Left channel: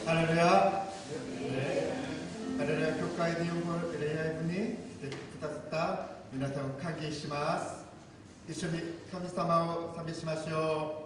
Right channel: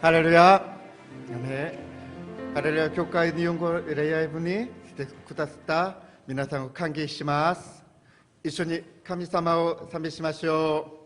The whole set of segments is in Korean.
ハレルヤ。ハレルヤ教会日本語礼拝部に来てくださった皆さんを歓迎します。一緒に神様を賛美しましょう。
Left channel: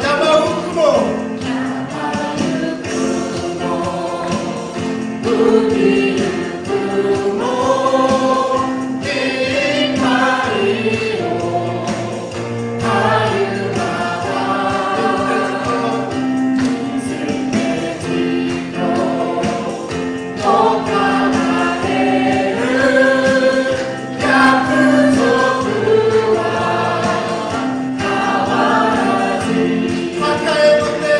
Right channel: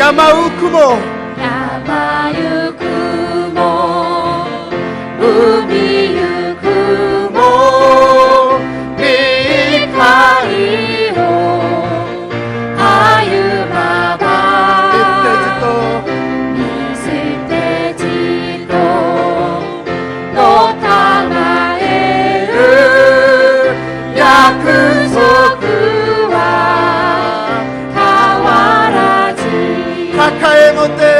山を雲抱え持て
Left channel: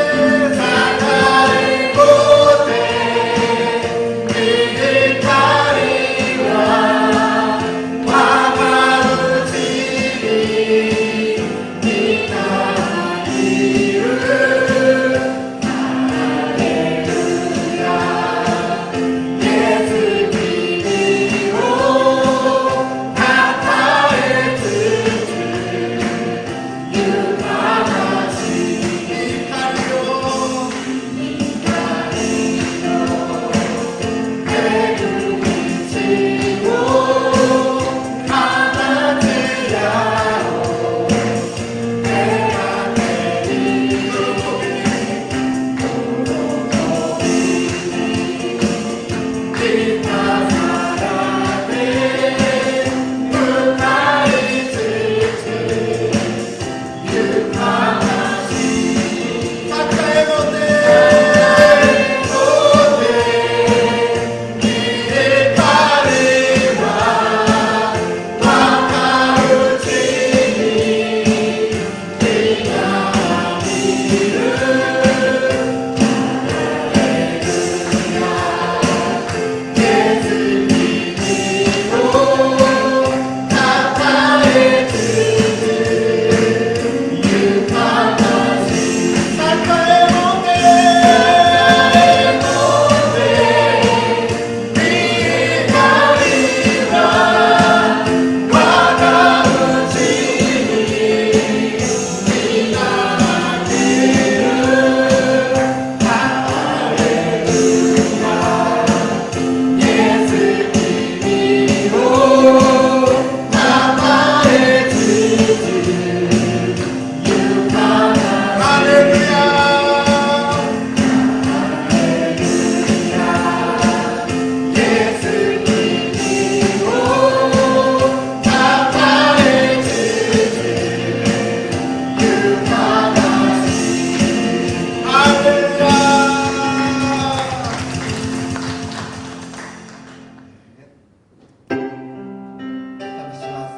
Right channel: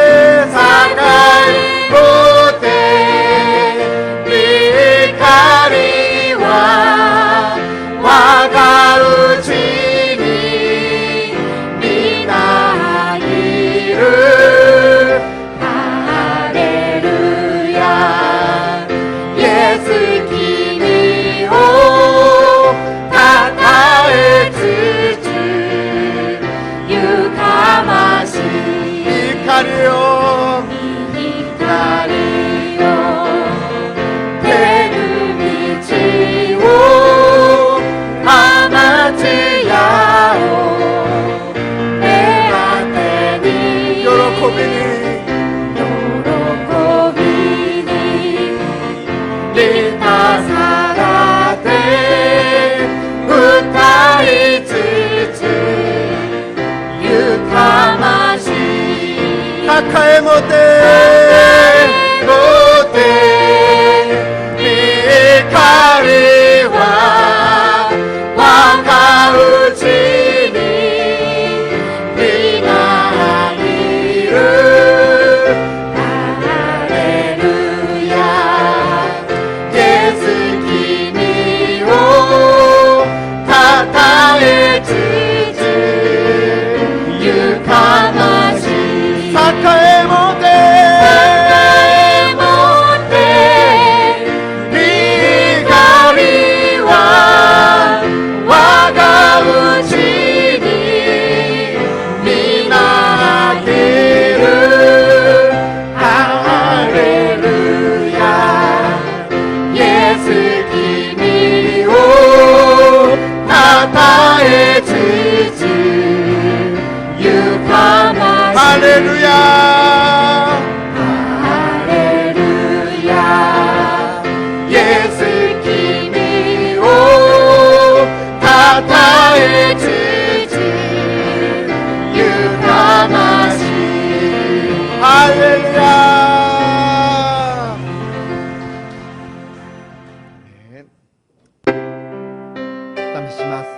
にします。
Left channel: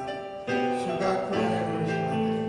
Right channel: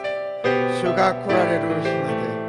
主が来られる日まで「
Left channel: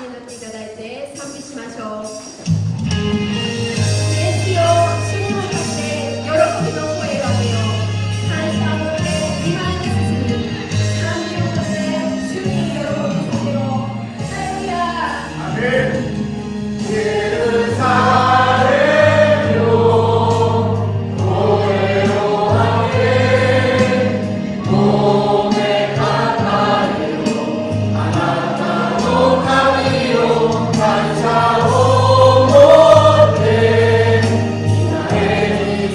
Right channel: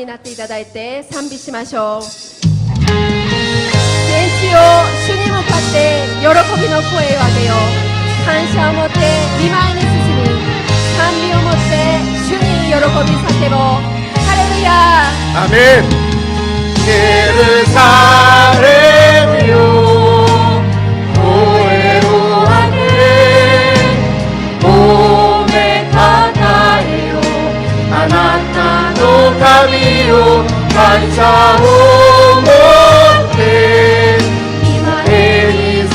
になっていただいて賛美しましょう。全地を主に向かって喜びの声を上げよう。感謝を持って見舞いに進み、賛美を持って主に喜び叫ぼう。ハレルヤ。アメン。エルサレムよ、声を上げ、褒めたたえよ、あなたの神よ、感謝を持って今へに進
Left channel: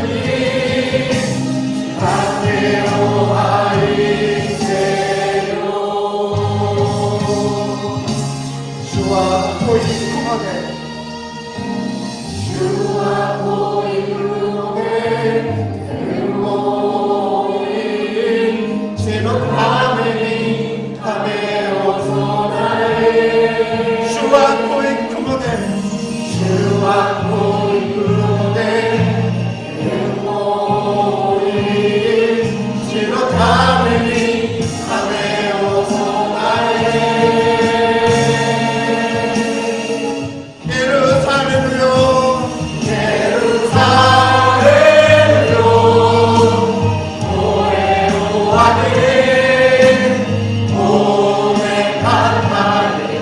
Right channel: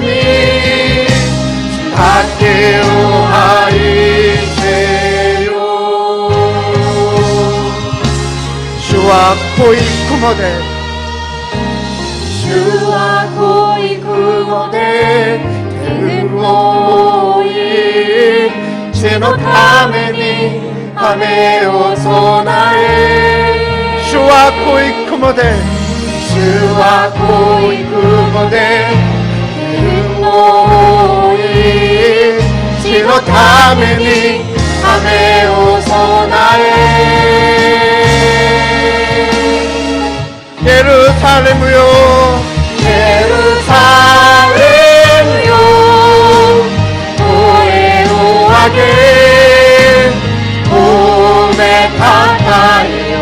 み、竹を愛せよ。主は濃い雲で、主は濃い雲で天を覆い、主のために雨を備え。主は濃い雲で、主は濃い雲で天を覆い、主のために雨を備え。エルサレムよ、エルサレムよ、声を上げ、褒めたたえよ、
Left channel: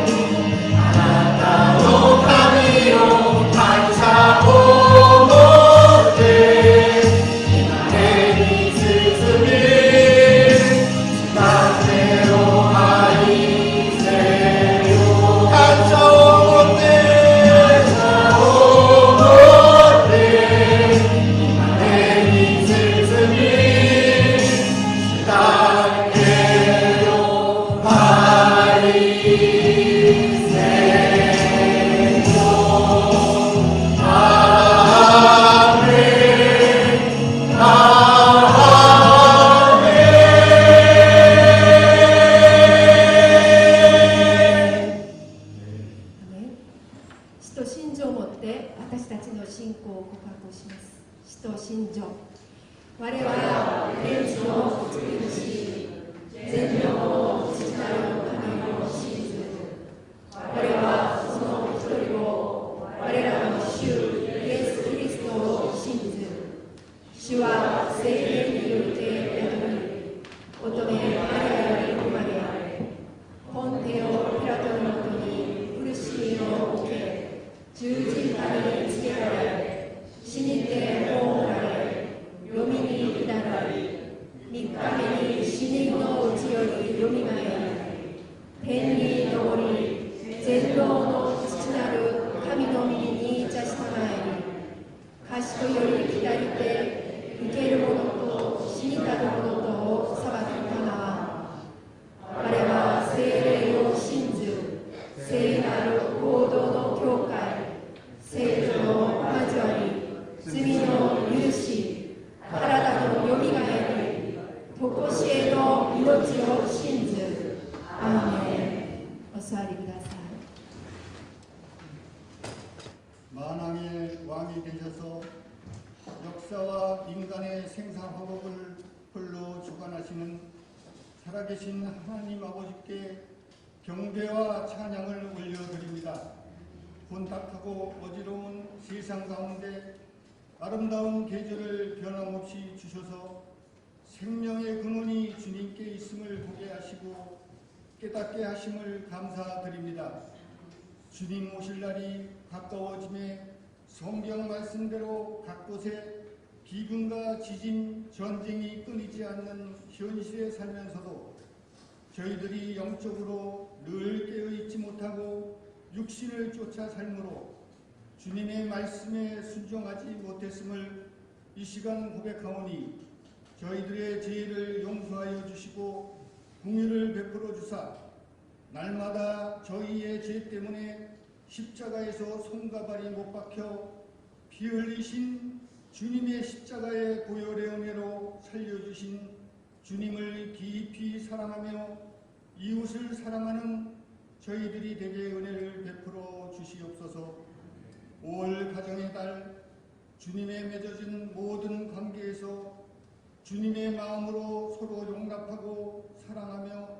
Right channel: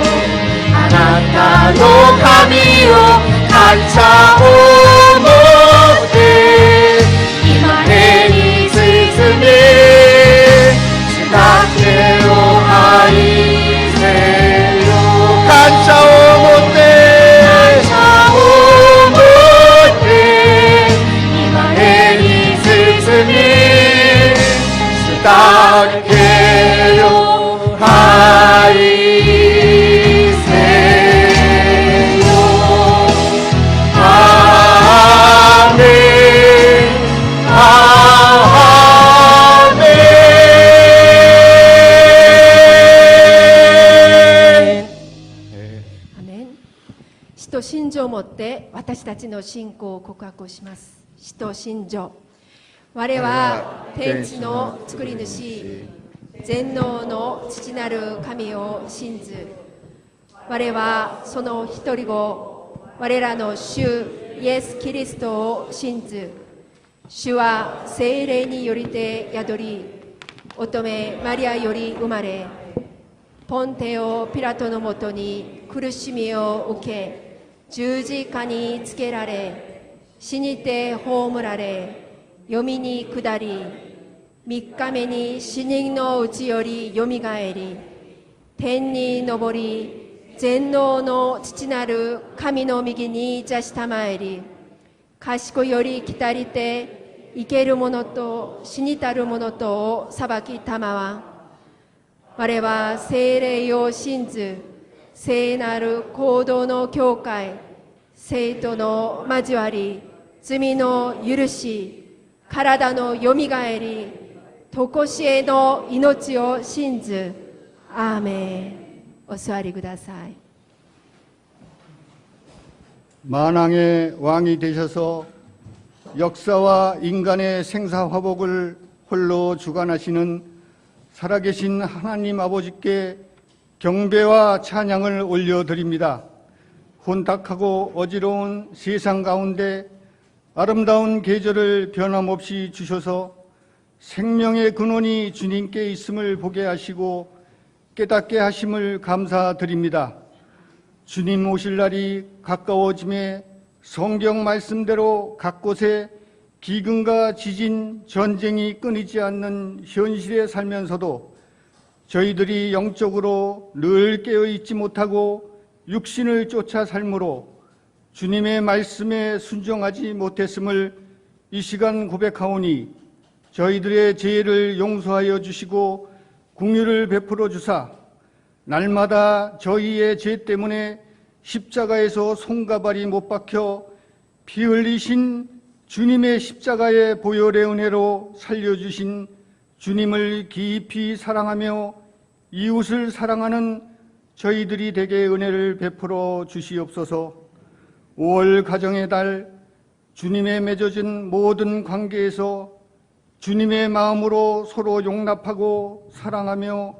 あなたの神よ、感謝を持って今へに進み、主だけを愛せよ。感謝を持って、私たちの信仰を告白します。使徒信条。我は天地の作り主、全能の父なる神を信ず。我はその一人を、我らの主イエス・キリストを信ず。主は聖霊によりて宿り、乙女マリアより生まれ、ポンテオ・ピラトのもとに苦しみを受け、十字架につけられ、死にて葬られ、読みに下り、3日目に死人のうちよりよみがえり、天に昇り、全能の父なる神の右に座したまえり、賢より来たりて、生ける者と死にたる者とを裁きたまわ。我は聖霊を信ず、聖なる行動の教会、聖徒の交わり、罪の許し、体のよみがえり、とこしえの命を信ず。アーメン。お座りください。 만왕의 왕이 되셔서 역사와 인간의 생사화복을 홀로 주관하시는 살아계신 하나님 아버지께 경배와 찬양을 올려드립니다. 혼탁하고 어지러운 세상 가운데 아름다운 계절을 변함없이 주셔서 생명의 근원이 주님께 있음을 보게 하시고 깨닫게 하심을 감사드립니다. 주님 오실 날이 가까워짐에 성경 말씀대로 각 곳에 기근과 지진, 전쟁이 끊이지 않는 현실에 살면서도 저희들이 영적으로 늘 깨어있지 못하고 육신을 쫓아 삶으로 주님의 말씀에 순종하지 못했음을 이 시간 고백하오니 저희들의 죄를 용서하여 주시고 긍휼을 베풀어 주사 날마다 저희의 죄 때문에 십자가에서 손가발이 못 박혀 피 흘리신 주님의 십자가의 보혈의 은혜로 살려주신 주님을 깊이 사랑하며 이웃을 사랑하는 저희들이 되게 은혜를 베풀어 주시옵소서. 5월 가정의 달 주님의 맺어진 모든 관계에서 주님의 마음으로 서로 용납하고 사랑하며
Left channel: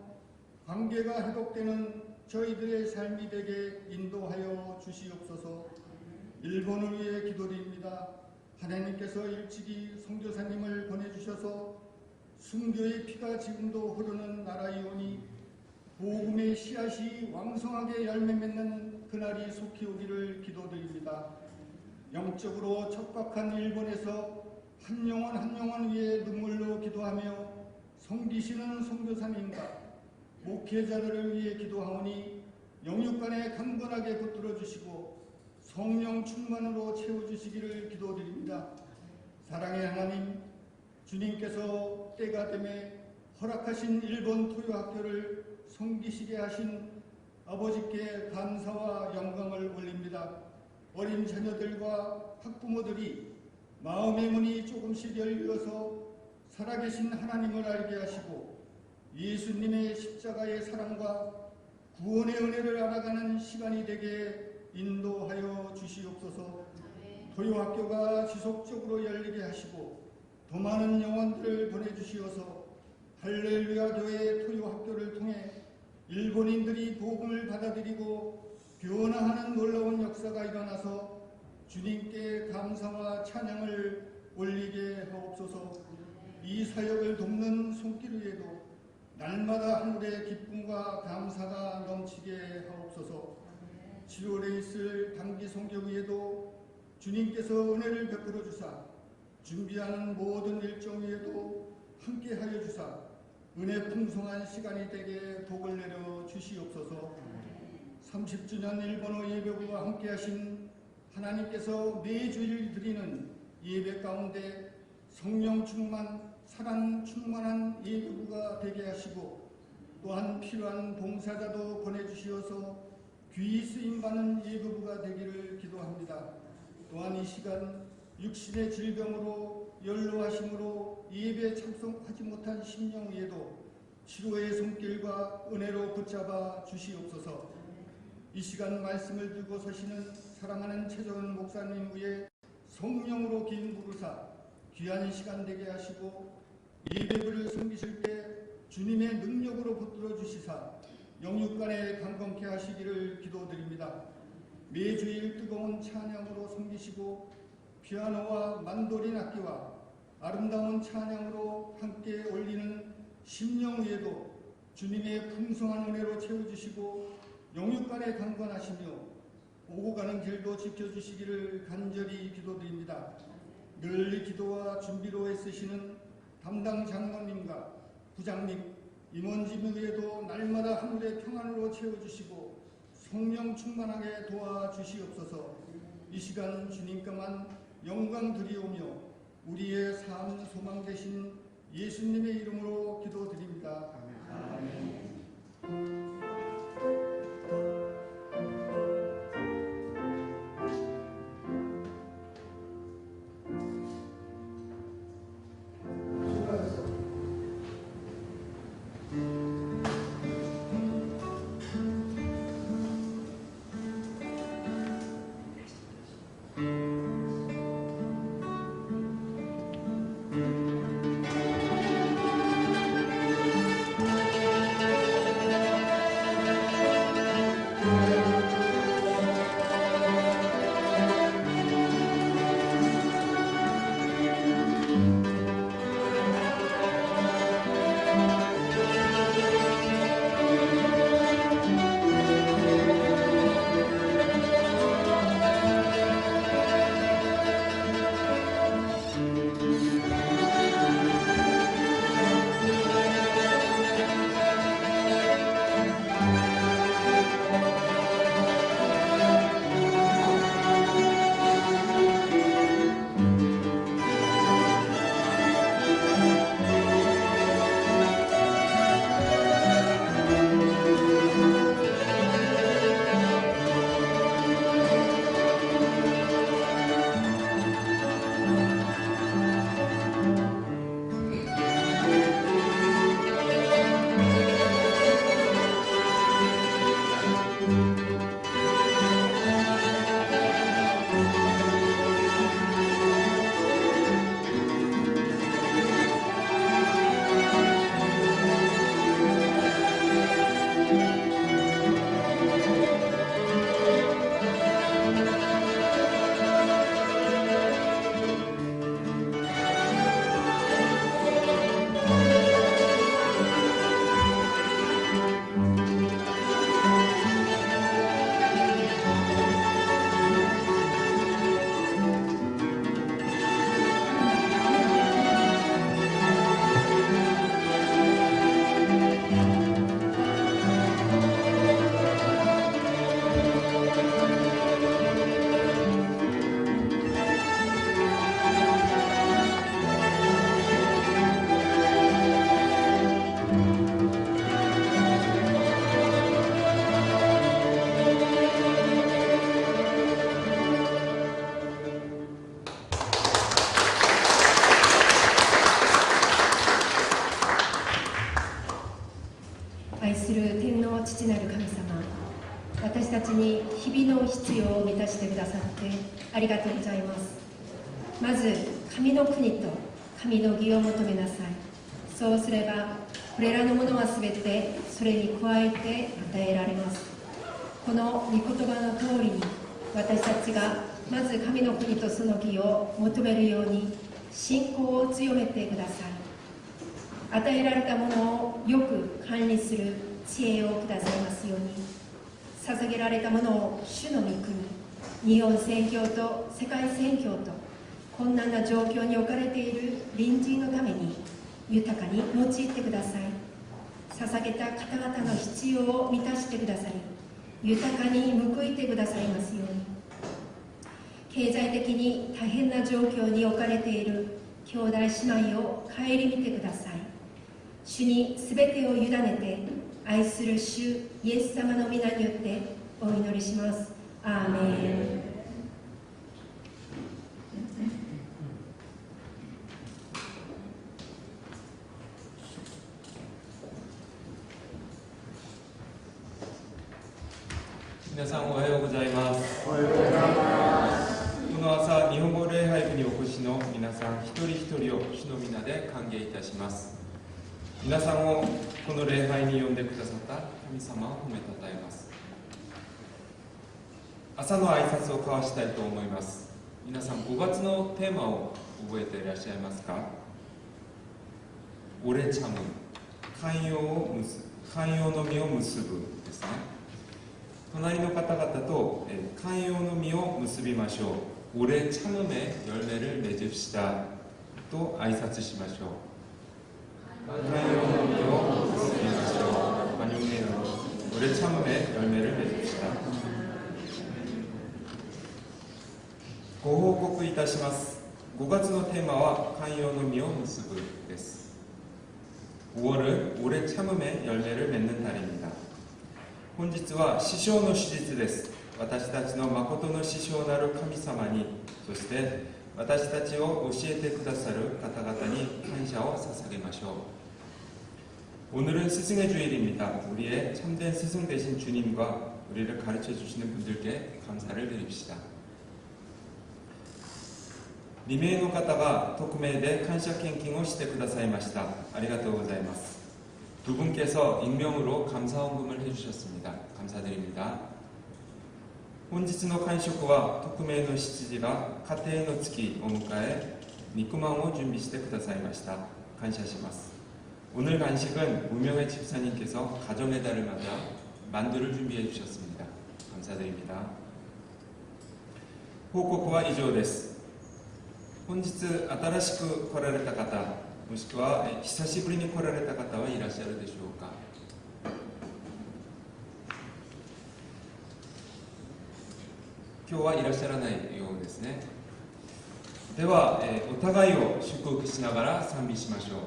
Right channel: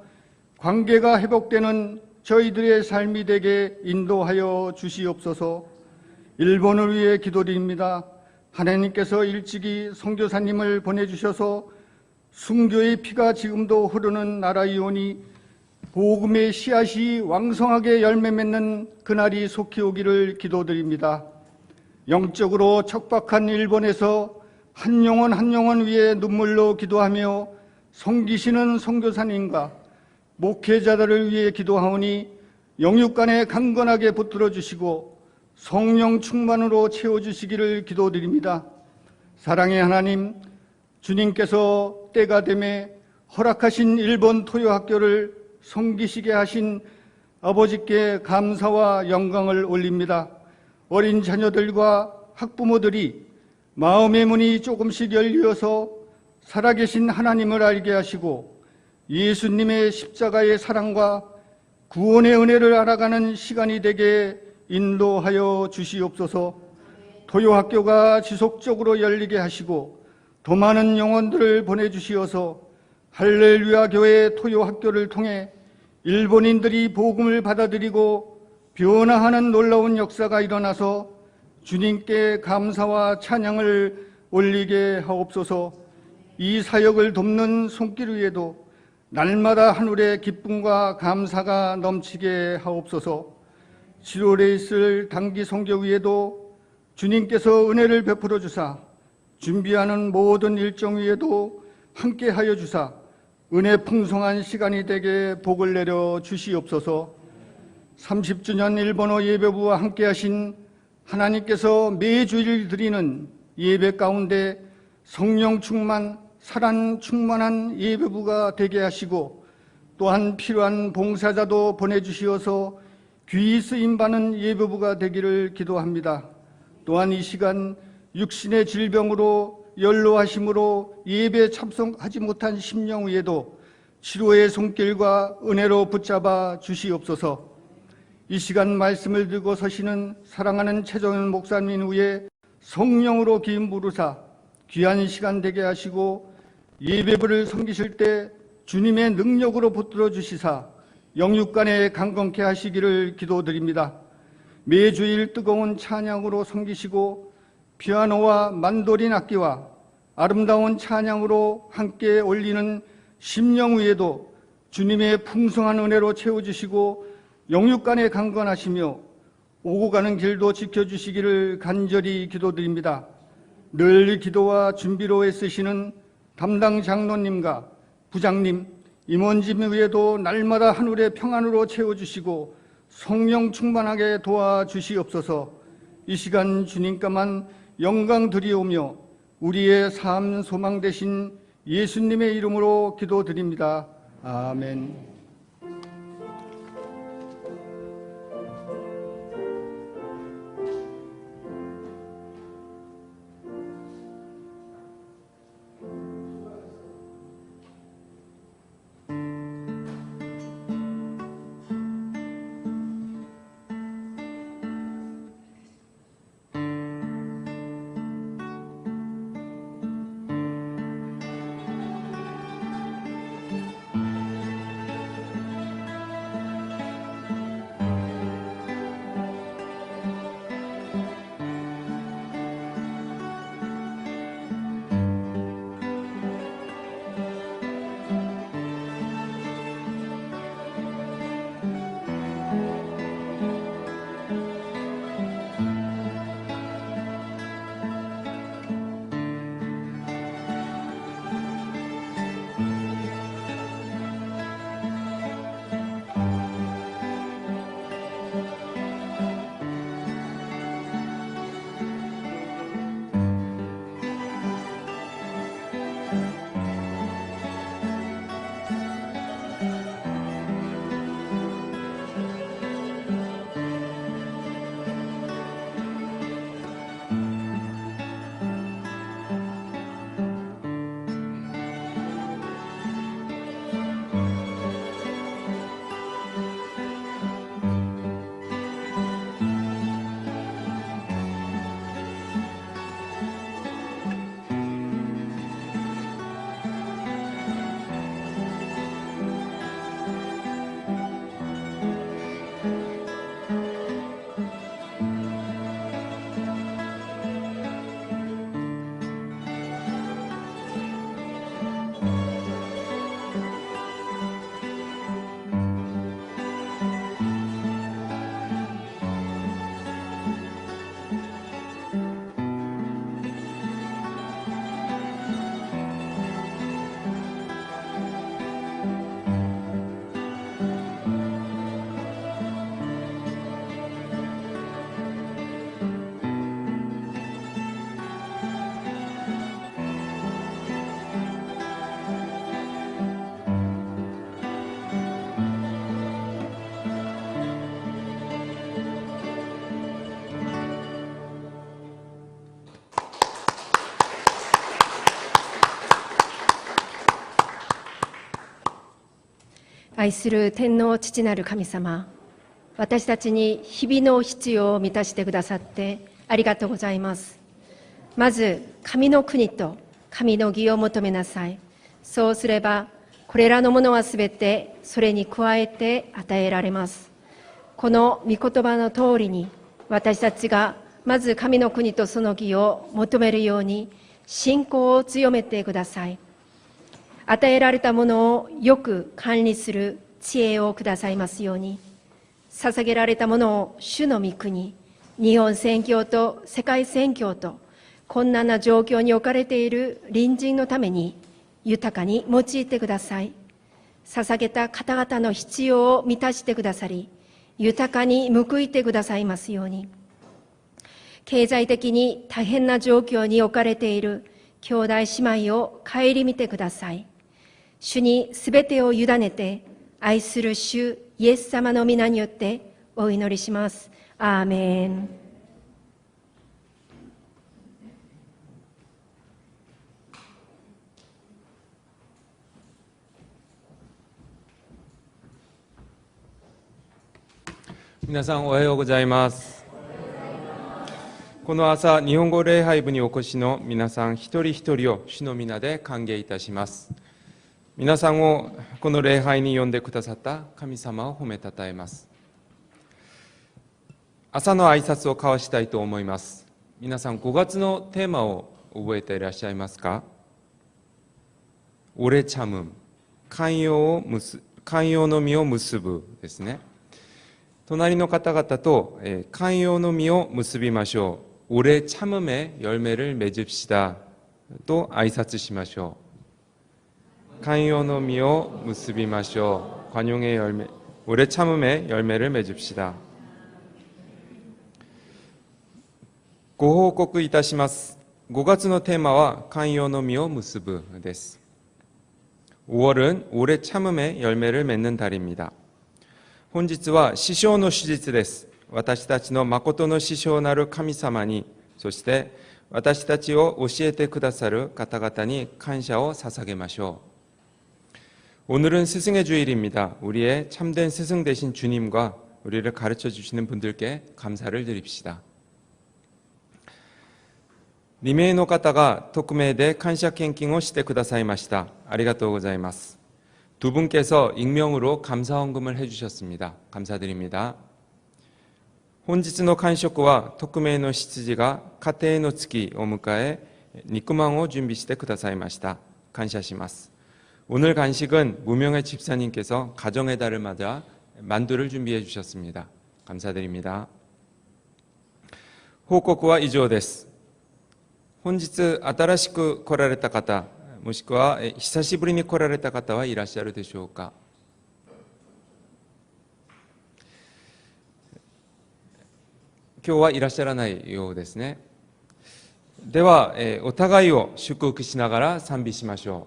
관계가 회복되는 저희들의 삶이 되게 인도하여 주시옵소서. 일본을 위해 기도드립니다. 하나님께서 일찍이 선교사님을 보내주셔서 순교의 피가 지금도 흐르는 나라이오니 복음의 씨앗이 왕성하게 열매 맺는 그날이 속히 오기를 기도드립니다. 영적으로 척박한 일본에서 한 영혼 한 영혼 위에 눈물로 기도하며 섬기시는 선교사님과 목회자들을 위해 기도하오니 영육간에 강건하게 붙들어 주시고 성령 충만으로 채워주시기를 기도드립니다. 사랑의 하나님, 주님께서 때가 되매 허락하신 일본 토요학교를 섬기시게 하신 아버지께 감사와 영광을 올립니다. 어린 자녀들과 학부모들이 마음의 문이 조금씩 열려서 살아계신 하나님을 알게 하시고 예수님의 십자가의 사랑과 구원의 은혜를 알아가는 시간이 되게 인도하여 주시옵소서. 토요학교가 지속적으로 열리게 하시고 더 많은 영혼들을 보내주시어서 할렐루야 교회 토요학교를 통해 일본인들이 복음을 받아들이고 변화하는 놀라운 역사가 일어나서 주님께 감사와 찬양을 올리게 하옵소서. 이 사역을 돕는 손길 위에도 날마다 하늘의 기쁨과 감사가 넘치게 하옵소서. 7월에 있을 단기 선교 위에도 주님께서 은혜를 베풀어 주사 준비하는 모든 일정 위에도 함께하여 주사 은혜 풍성한 시간이 되게 복을 내려 주시옵소서. 30주년 일본어 예배부와 함께하신 하나님께서 매주일 드리는 예배 가운데 성령 충만, 사랑 충만한 예배부가 되게 하시고 또한 필요한 봉사자도 보내주시어서 귀히 쓰임받는 예배부가 되기를 기도합니다. 또한 이 시간 육신의 질병으로 연로하심으로 예배에 참석하지 못한 심령 위에도 치료의 손길과 은혜로 붙잡아 주시옵소서. 이 시간 말씀을 들고 서시는 사랑하는 최정현 목사님 위에 성령으로 기름 부르사 귀한 시간 되게 하시고 예배부를 섬기실 때 주님의 능력으로 붙들어 주시사 영육간에 강건케 하시기를 기도드립니다. 매주일 뜨거운 찬양으로 섬기시고 피아노와 만도린 악기와 아름다운 찬양으로 함께 올리는 심령 위에도 주님의 풍성한 은혜로 채워주시고 영육간에 강건하시며 오고 가는 길도 지켜주시기를 간절히 기도드립니다. 늘 기도와 준비로 애쓰시는 담당 장로님과 부장님, 임원진 위에도 날마다 하늘의 평안으로 채워주시고 성령 충만하게 도와주시옵소서. 이 시간 주님께만 영광 드리오며 우리의 삶 소망 되신 예수님의 이름으로 기도드립니다. 아멘. 愛する天の父なる神様、私たちに日々の必要を満たしてくださってありがとうございます。まず神の国と神の義を求めなさい。そうすればこれらのものはすべてそれに加えて与えられます。この御言葉の通りに、私たちがまず神の国とその義を求めるように信仰を強めてください。与えられたものをよく管理する知恵をくださいますように、捧げられたものを主の御国、日本宣教と世界宣教と困難な状況に置かれている隣人のために豊かに用いてください。捧げた方々の必要を満たしてくださり、豊かに報いてくださいますように。経済的に大変な状況に置かれている兄弟姉妹を顧みてください。主にすべてを委ねて、愛する主イエス様の皆によってお祈りします。アーメン。皆さんおはようございます。この朝、日本語礼拝部にお越しの皆さん一人一人を主の皆で歓迎いたします。皆さんをこの礼拝に呼んでくださった神様を褒めたたえます。朝の挨拶を交わしたいと思います。皆さん5月のテーマを覚えていらっしゃいますか？オレチャム、寛容の実を結ぶですね。隣の方々と寛容の実を結びましょう。오래 참음의 열매를 맺읍시다 또挨拶しましょう。寛容の実を結びましょう。관용의 열매, 오래 참음의 열매를 맺읍시다。ご報告いたします。5月のテーマは寛容の実を結ぶです。5월은 오래 참음의 열매를 맺는 달입니다。本日は師匠の手術です。私たちの誠の師匠なる神様に、そして私たちを教えてくださる方々に感謝を捧げましょう。오늘은 스승의 주일입니다. 우리의 참된 스승 되신 주님과 우리를 가르쳐 주시는 분들께 감사를 드립시다. 2名の方が匿名で感謝献金をしてくださいました。ありがとうございます。두 분께서 익명으로 감사헌금을 해주셨습니다. 감사드립니다. 本日の間食は匿名の執事が家庭の月を迎え肉まんを準備してくださいました。感謝します。 오늘 간식은 무명의 집사님께서 가정의 달을 맞아 만두를 준비해 주셨습니다. 감사드립니다. 報告は以上です。本日新しく来られた方、もしくは久しぶりに来られた方はいらっしゃるでしょうか。今日はいらっしゃらないようですね。では、お互いを祝福しながら賛美しましょう。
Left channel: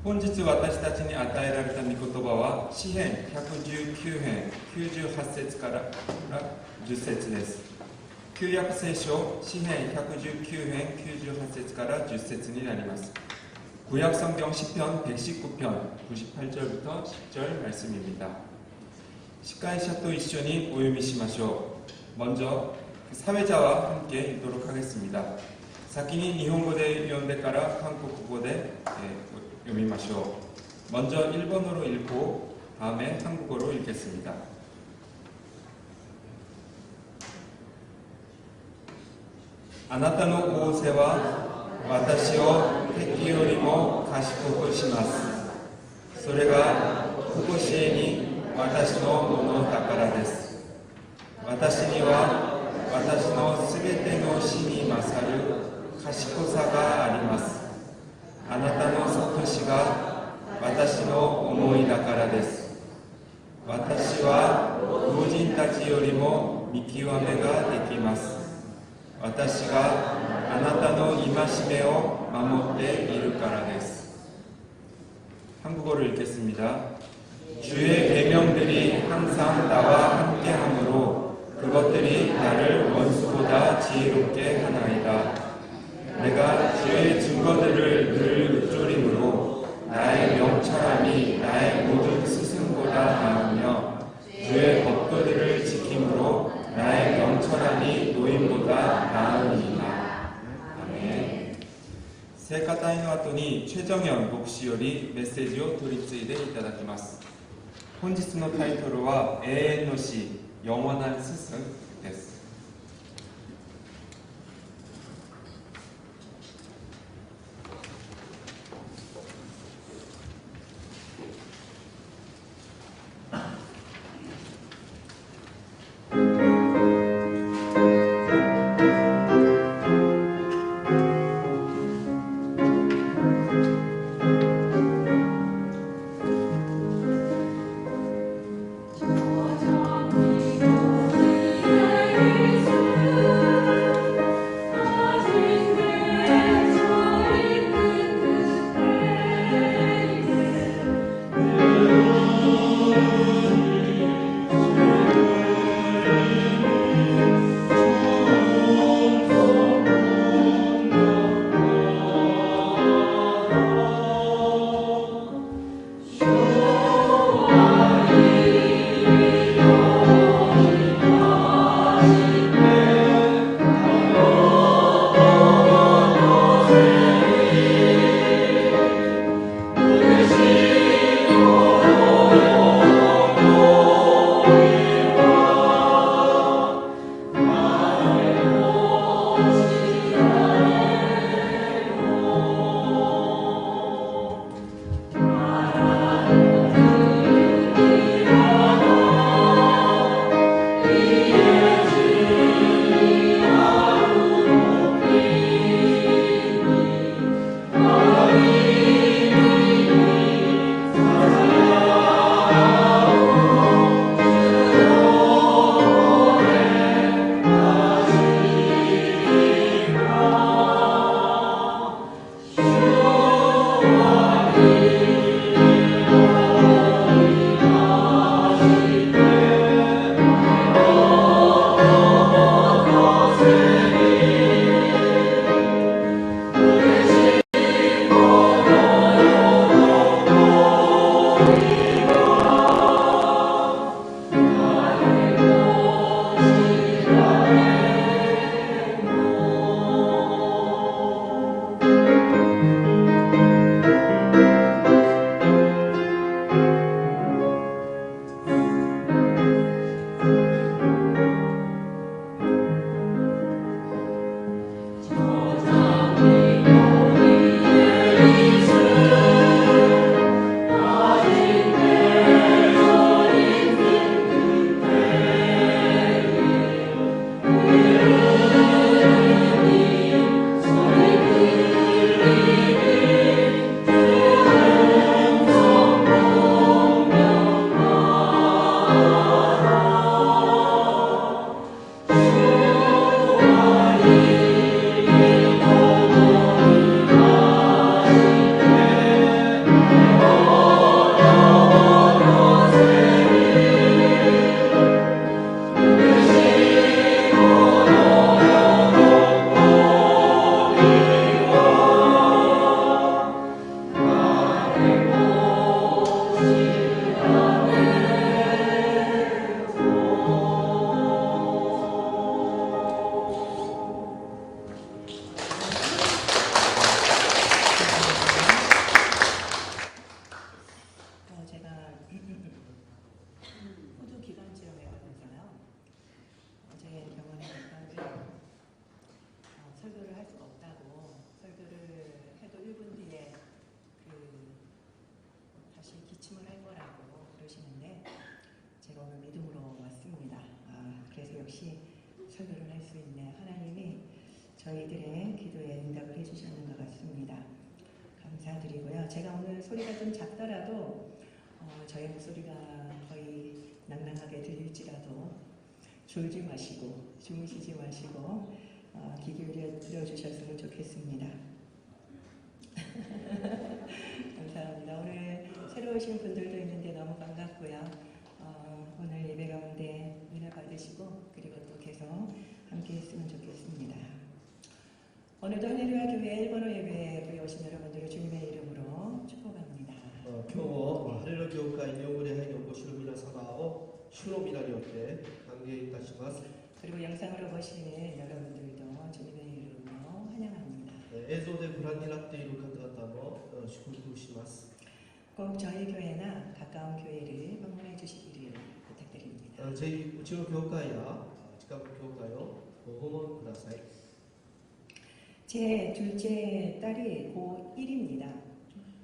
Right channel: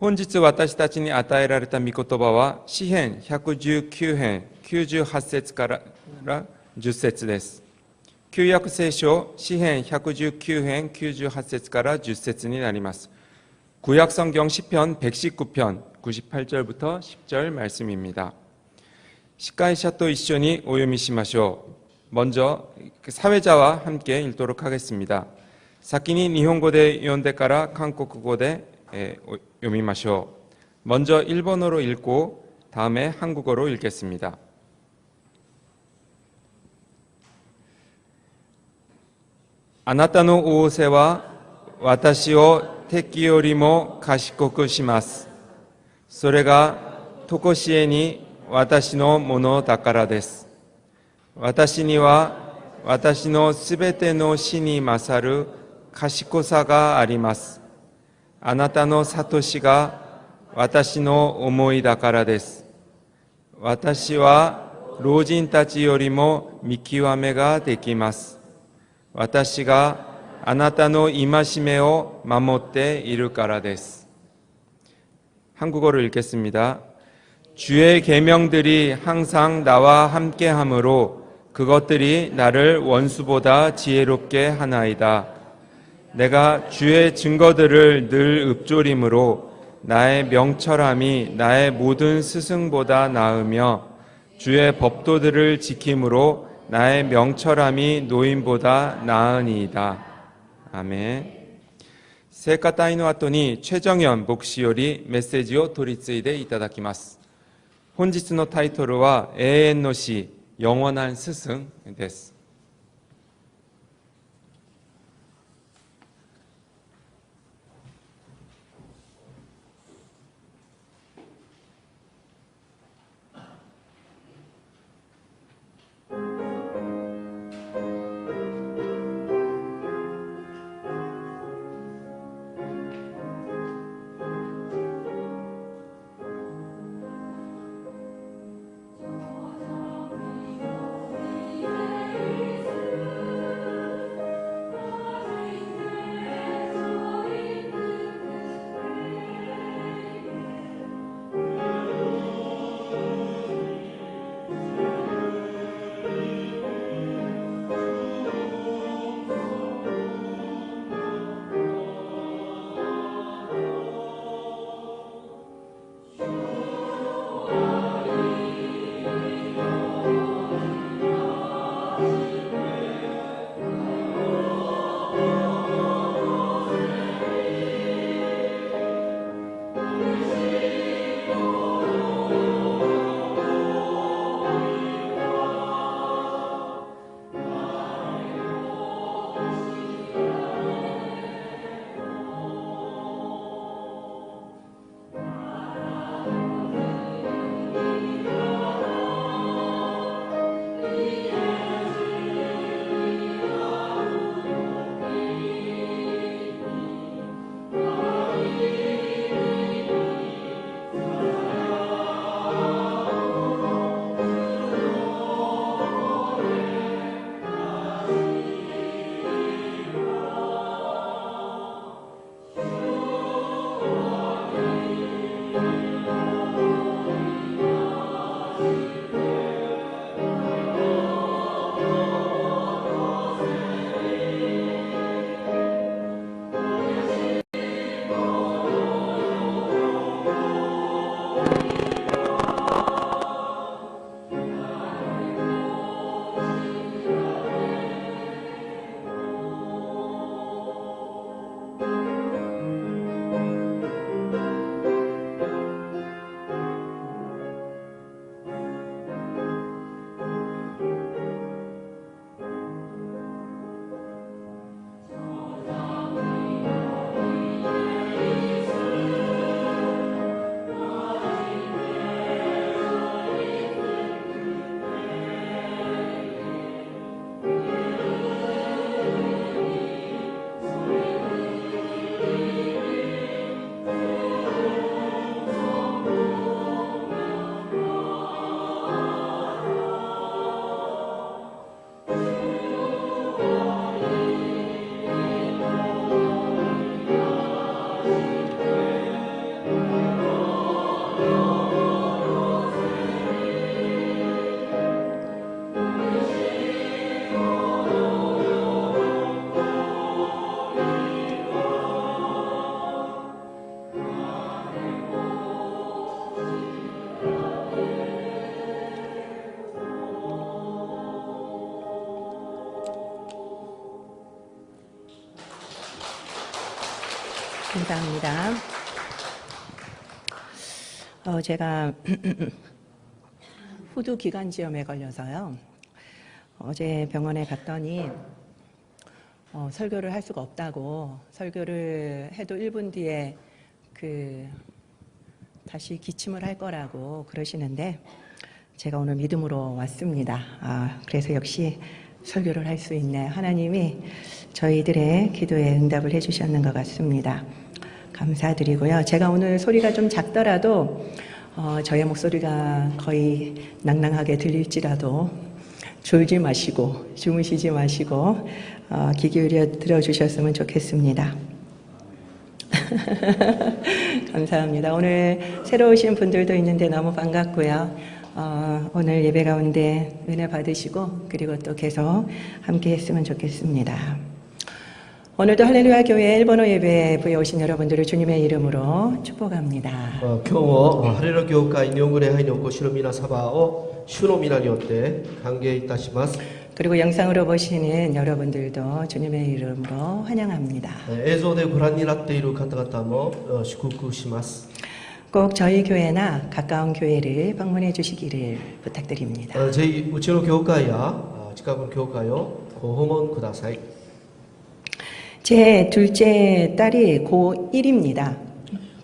本日私たちに与えられた御言葉は詩編119編98節から10節です。旧約聖書詩編119編98節から10節になります。구약성경 시편 119편 98절부터 10절 말씀입니다. 시카이샤と一緒にお読みしましょう。 먼저 사회자와 함께 읽도록 하겠습니다. 先に日本語で読んでから韓国語で読みましょう。 먼저 일본어로 읽고 다음에 한국어로 읽겠습니다. あなたの仰せは私を敵よりも賢くします。それが常しえに私のものだからです。私には私のすべての死に勝る賢さがあります。あなたの悟しが私の思いだからです。私は老人たちよりも見極めができます。私があなたの戒めを守っているからです。 한국어를 읽겠습니다. 주의 계명들이 항상 나와 함께하므로 그것들이 나를 원수보다 지혜롭게 하나이다. 내가 주의 증거들을 늘 읊조림으로 나의 명철함이 나의 모든 스승보다 나으며 주의 법도들을 지킴으로 나의 명철함이 노인보다 나으니이다. 아멘. 聖歌隊の後にチェジョンヨン牧師よりメッセージを取り継いでいただきます。本日のタイトルは永遠の師、영원한 스승です。제가 후두 기관지염에 걸려서요. 어제 병원에 갔더니 설교를 할 수가 없다고 설교를 해도 1분 뒤에 다시 기침을 할 거라고 그러시는데 제가 오늘 믿음으로 왔습니다. 그래서 역시 설교를 할 수 있네. 하나님이 저희들의 기도에 응답을 해주셨는 것 같습니다. 감사드리고요. 제가 오늘 소리가 좀 작더라도 저의 목소리가 거의 낭낭하게 들릴지라도 졸지 마시고 주무시지 마시고 귀 기울여 들어주셨으면 좋겠습니다. 감사합니다. 오늘 새로 오신 분들도 있는데 너무 반갑고요. 오늘 예배 가운데 은혜 받으시고 그리고 또 계속 함께 했으면 좋겠습니다. 오늘도 할렐루야 교회 일본어 예배부에 오신 여러분들을 주님의 이름으로 축복합니다. 今日もハレルヤ教会日本語礼拝にお越しの皆様を主の皆によって歓迎いたします。 그리고 영상으로 보시는 여러분들도 주님의 이름으로 환영합니다. 映像でご覧になっている方々も祝福します。 꼭 저희 교회나 가까운 교회를 방문해 주시기를 부탁드립니다. ぜひうちの教会や近くの教会をご訪問ください。 제 둘째 딸이 고1입니다.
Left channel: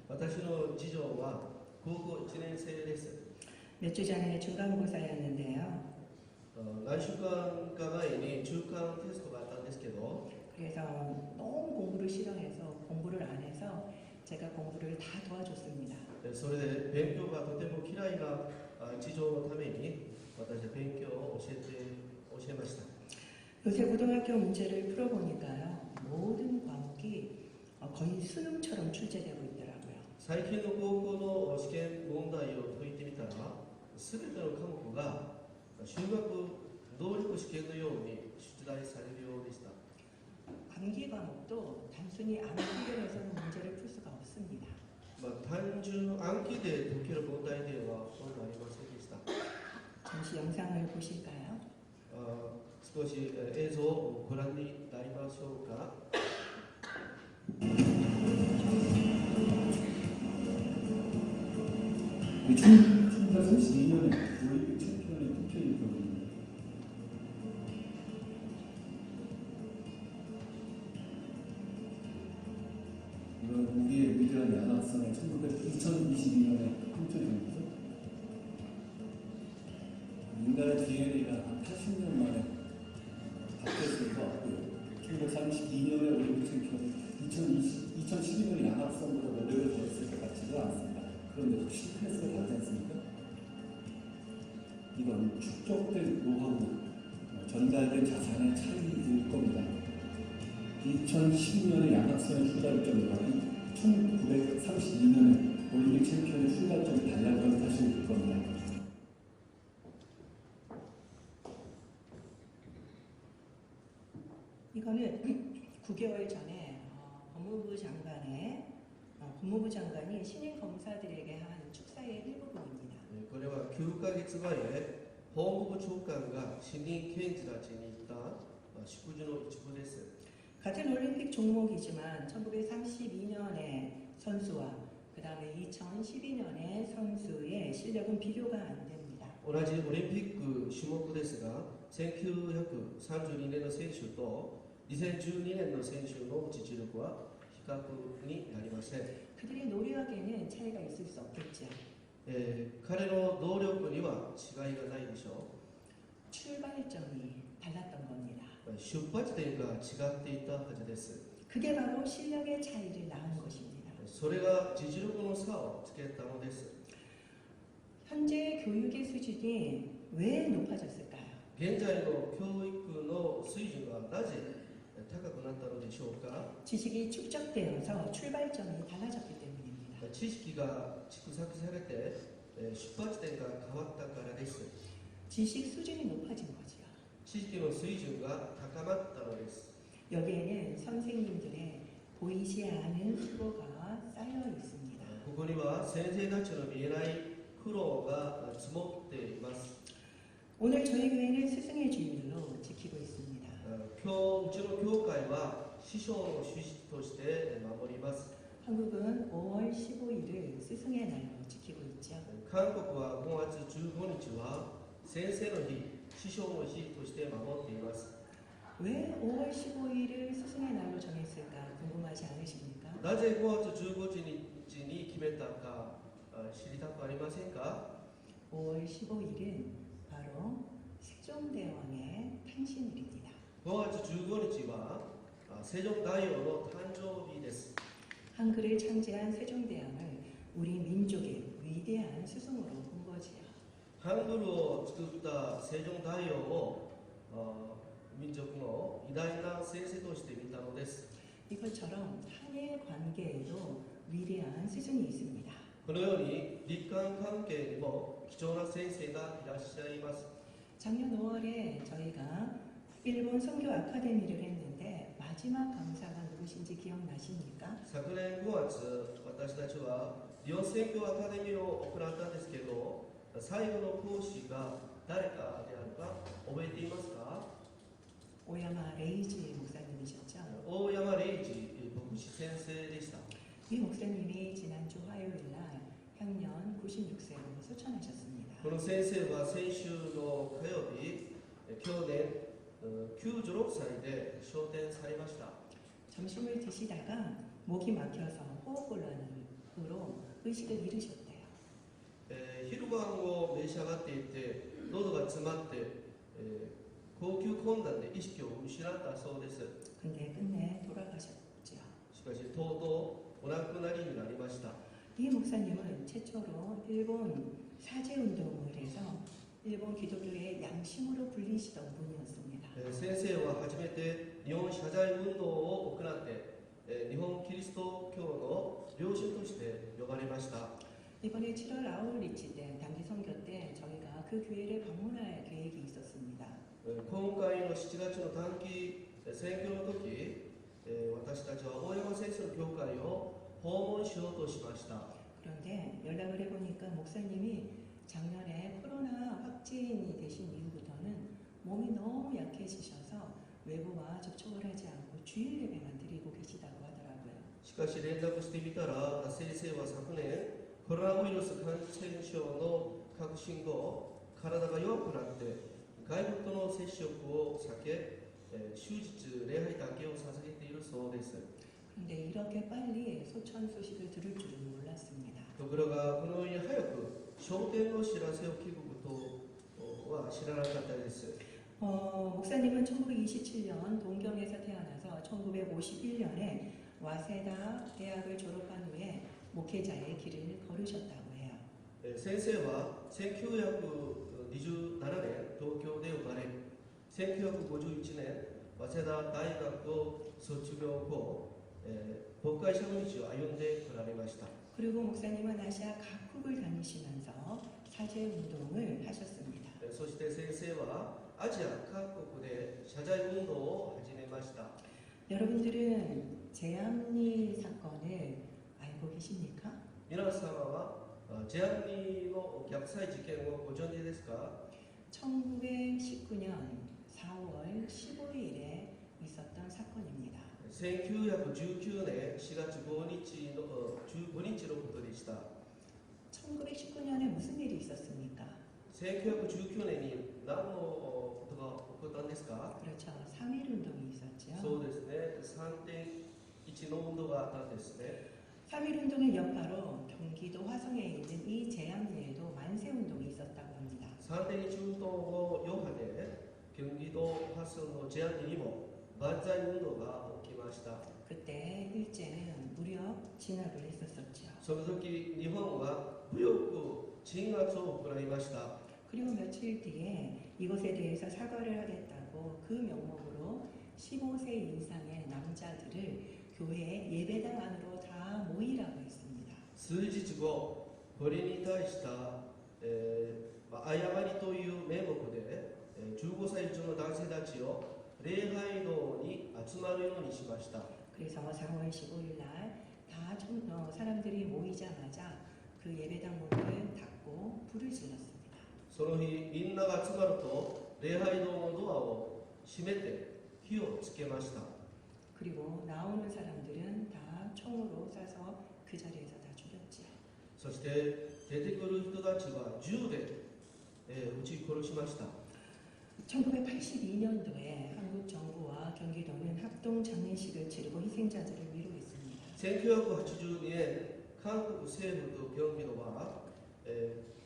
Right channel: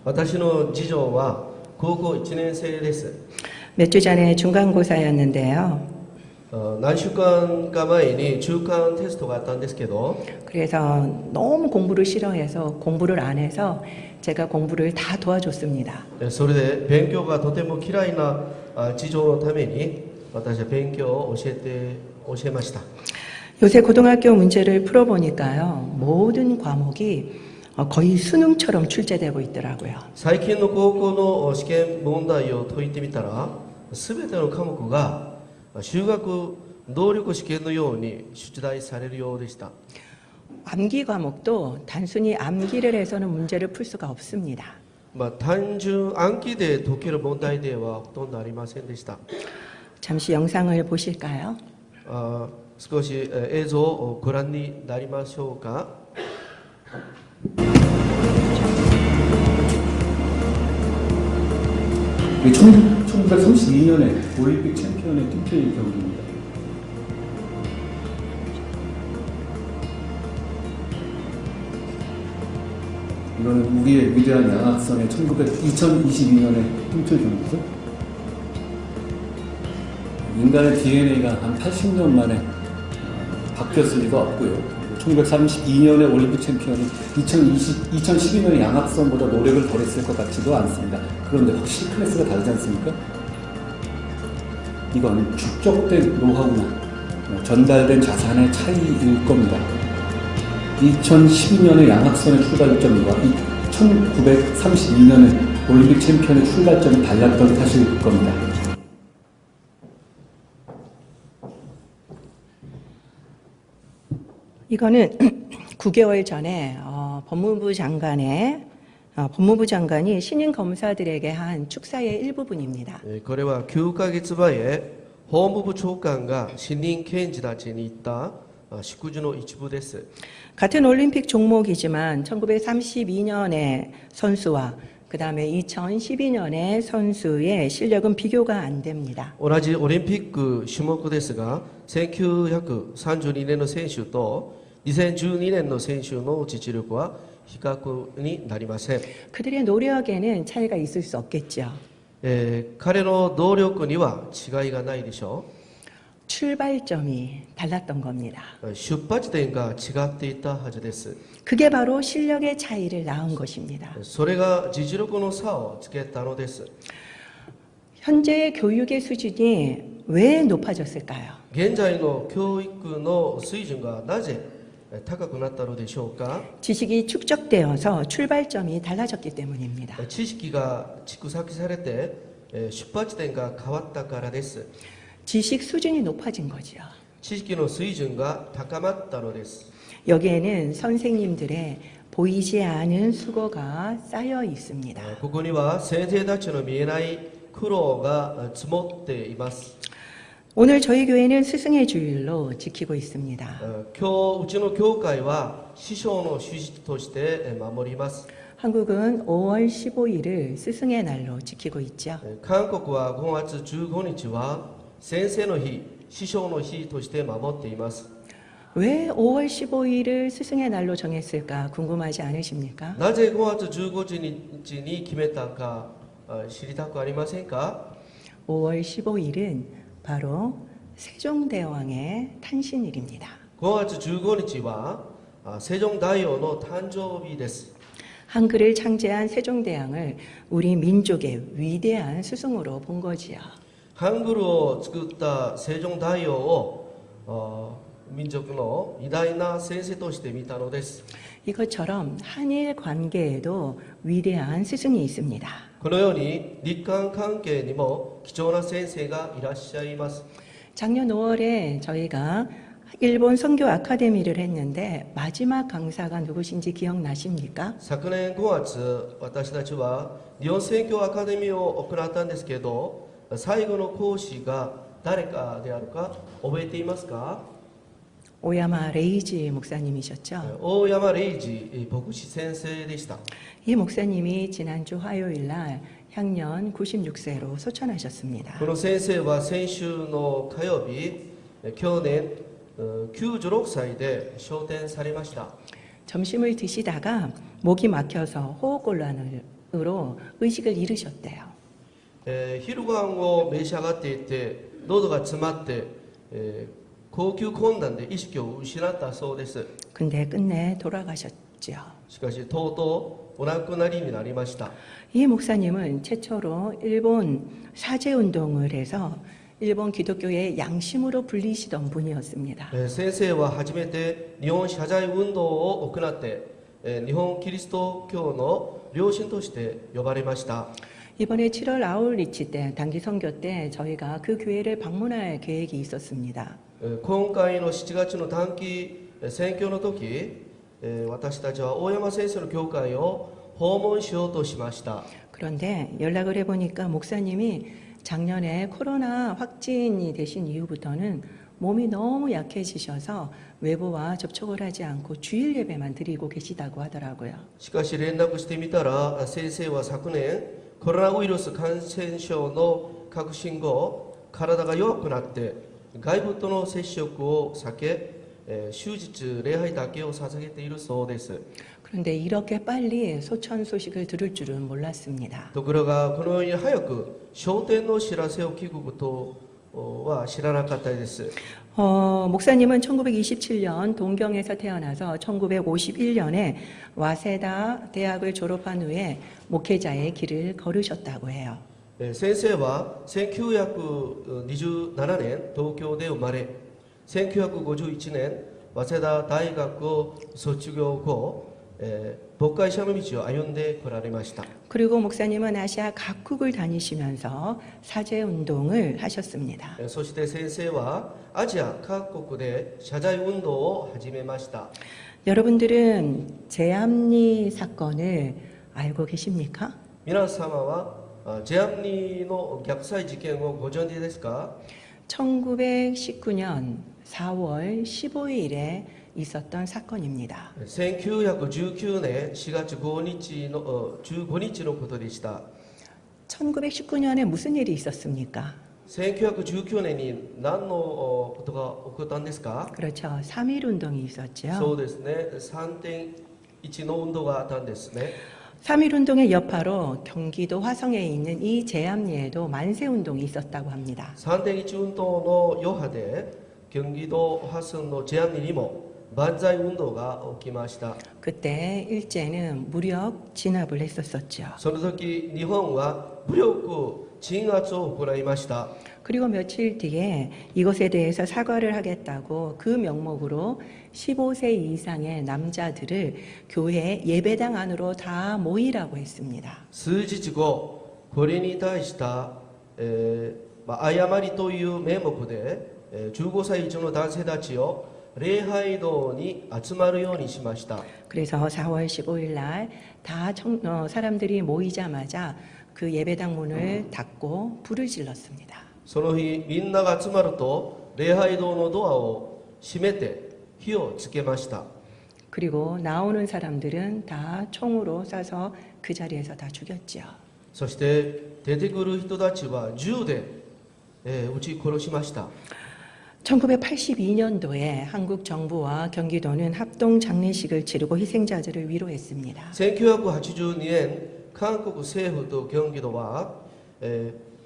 私の次女は高校1年生です。 몇 주 전에 중간고사였는데요. 何週間か前に中間テストがあったんですけど 그래서 너무 공부를 싫어해서 공부를 안 해서 제가 공부를 다 도와줬습니다. それで勉強がとても嫌いな次女のために私は勉強を教えました。 요새 고등학교 문제를 풀어보니까요. 모든 과목이 거의 수능처럼 출제되고 있더라고요. 最近の高校の試験問題を解いてみたら全ての科目が修学能力試験のように出題されるようでした。 암기 과목도 단순히 암기를 해서는 문제를 풀 수가 없습니다. 単純暗記で解ける問題ではほとんどありませんでした。 잠시 영상을 보실까요? 少し映像をご覧になりましょうか。 1932년에 올림픽 챔피언의 팀플레이 경기입니다. 이거는 우리의 위대한 양악선의 2022년의 팀플 경기죠. 인간의 DNA가 한 80년 만에 바뀌었을 리가 없고요. 1932년의 올림픽 챔피언이 2012년의 양악선보다 노력을 덜 했을 것 같지도 않습니다. 그런데 확실히 클래스가 다르지 않습니까? 이건 축적된 노하우나 전달된 자산의 차이일 겁니다. 2012년의 양악선의 출발점과 1932년의 올림픽 챔피언의 출발점이 달랐던 탓일 겁니다. 이거는 9개월 전에 법무부 장관이 신임 검사들에게 한 축사의 일부분입니다. これは9ヶ月前法務部長官が新任検事たちに言った祝辞の一部です。 같은 올림픽 종목이지만 1932년의 선수와 그 다음에 2012년의 선수의 실력은 비교가 안 됩니다. 同じオリンピック種目ですが1932年の選手と2012年の選手の実力は比較になりません。 그들의 노력에는 차이가 있을 수 없겠죠. 彼の能力には違いがないでしょ 출발점이 달랐던 겁니다. う。出発点が違っていたはずです。 그게 바로 실력의 차이를 낳은 것입니다. それが実力の差をつけたのです。 현재의 교육의 수준이 왜 높아졌을까요? 現在の教育の水準がなぜ高くなったのでしょうか。 지식이 축적되어서 출발점이 달라졌기 때문입니다. 知識が蓄積されて出発点が変わったからです。 지식 수준이 높아진 거죠. 知識の水準が高まったのです。 여기에는 선생님들의 보이지 않은 수고가 쌓여 있습니다. ここには先生たちの見えない苦労が積もっています。 오늘 저희 교회는 스승의 주일로 지키고 있습니다. 今日うちの教会は師匠の主日として守ります。 한국은 5월 15일을 스승의 날로 지키고 있죠. 韓国は5月15日は先生の日、師匠の日として守っています。왜 5월 15일을 스승의 날로 정했을까 궁금하지 않으십니까? なぜ5月15日に決めたか知りたくありませんか？ 5월 15일은 바로 세종대왕의 탄신일입니다. 5月15日は世宗大王の誕生日です。 한글을 창제한 세종대왕을 우리 민족의 위대한 스승으로 본 거지요. ハングルを作った世宗大王を民族の偉大な先生として見たのです。 이것처럼 한일 관계에도 위대한 스승이 있습니다. このように日韓関係にも貴重な先生がいらっしゃいます。 작년 5월에 저희가 일본 선교 아카데미를 했는데 마지막 강사가 누구신지 기억나십니까? 昨年5月私たちは日本宣教アカデミーを行ったんですけど、最後の講師が誰かであるか覚えていますか？ 오야마 레이지 목사님이셨죠. 大山礼二牧師先生でした。 이 목사님이 지난주 화요일 날 향년 96세로 소천하셨습니다. この先生は先週の火曜日、去年96歳で昇天されました。 점심을 드시다가 목이 막혀서 호흡곤란으로 의식을 잃으셨대요. 昼ご飯を召し上がっていて喉が詰まって、呼吸困難で意識を失ったそうです。 근데 끝내 돌아가셨죠. しかしとうとうお亡くなりになりました。 이 목사님은 최초로 일본 사제운동을 해서 일본 기독교의 양심으로 불리시던 분이었습니다. 先生は初めて日本謝罪運動を行って、日本キリスト教の良心として呼ばれました。 이번에 7월 아울리치 때 단기 선교 때 저희가 그 교회를 방문할 계획이 있었습니다. 今回の7月の短期選挙の時、私たちは大山先生の教会を訪問しようとしました。 그런데 연락을 해보니까 목사님이 작년에 코로나 확진이 되신 이후부터는 몸이 너무 약해지셔서 외부와 접촉을 하지 않고 주일 예배만 드리고 계시다고 하더라고요. しかし連絡してみたら先生は昨年コロナウイルス感染症の確信後体が弱くなって外部との接触を避け、終日礼拝だけを捧げているそうです。 그런데 이렇게 빨리 소천 소식을 들을 줄은 몰랐습니다. ところがこのように早く昇天の知らせを聞くことは知らなかったです。 목사님은 1927년 동경에서 태어나서 1951년에 와세다 대학을 졸업한 후에 목회자의 길을 걸으셨다고 해요. 先生は1927年東京で生まれ、1951年早稲田大学を卒業後、牧会者の道を歩んでこられました。 그리고 목사님은 아시아 각국을 다니시면서 사제 운동을 하셨습니다. そして先生はアジア各国で謝罪運動を始めました。 여러분들은 제암리 사건을 알고 계십니까? 皆様はジェアムニの虐待事件をご存知ですか？ 1919년 4월 15일에 있었던 사건입니다. 1919年4月5日の15日のことでした。 1919년에 무슨 일이 있었습니까? 1919年に何のことが起こったんですか？ 그렇죠. 3.1 운동이 있었죠. そうですね。3.1の運動があったんですね。 3.1 운동의 여파로 경기도 화성에 있는 이 제암리에도 만세 운동이 있었다고 합니다. 3.1運動の余波で경기도 화성のジェアムニにも万歳運動が起きました。 그때 일제는 무력 진압을 했었었죠. その時日本は武力鎮圧を行いました。 그리고 며칠 뒤에 이것에 대해서 사과를 하겠다고 그 명목으로 15세 이상의 남자들을 교회 예배당 안으로 다 모이라고 했습니다. 数日後これに対した誤りという名目で15歳以上の男性たちを礼拝堂に集まるようにしました。 그래서 4월 15일 날 다 사람들이 모이자마자 그 예배당 문을 닫고 불을 질렀습니다. その日みんなが集まると礼拝堂のドアを閉めて火をつけました。 그리고 나오는 사람들은 다 총으로 쏴서 그 자리에서 다 죽였죠. そして出てくる人たちは銃で撃ち殺しました。 1982년도에 한국 정부와 경기도는 합동 장례식을 치르고 희생자들을 위로했습니다. 1982年、韓国政府と京畿道は、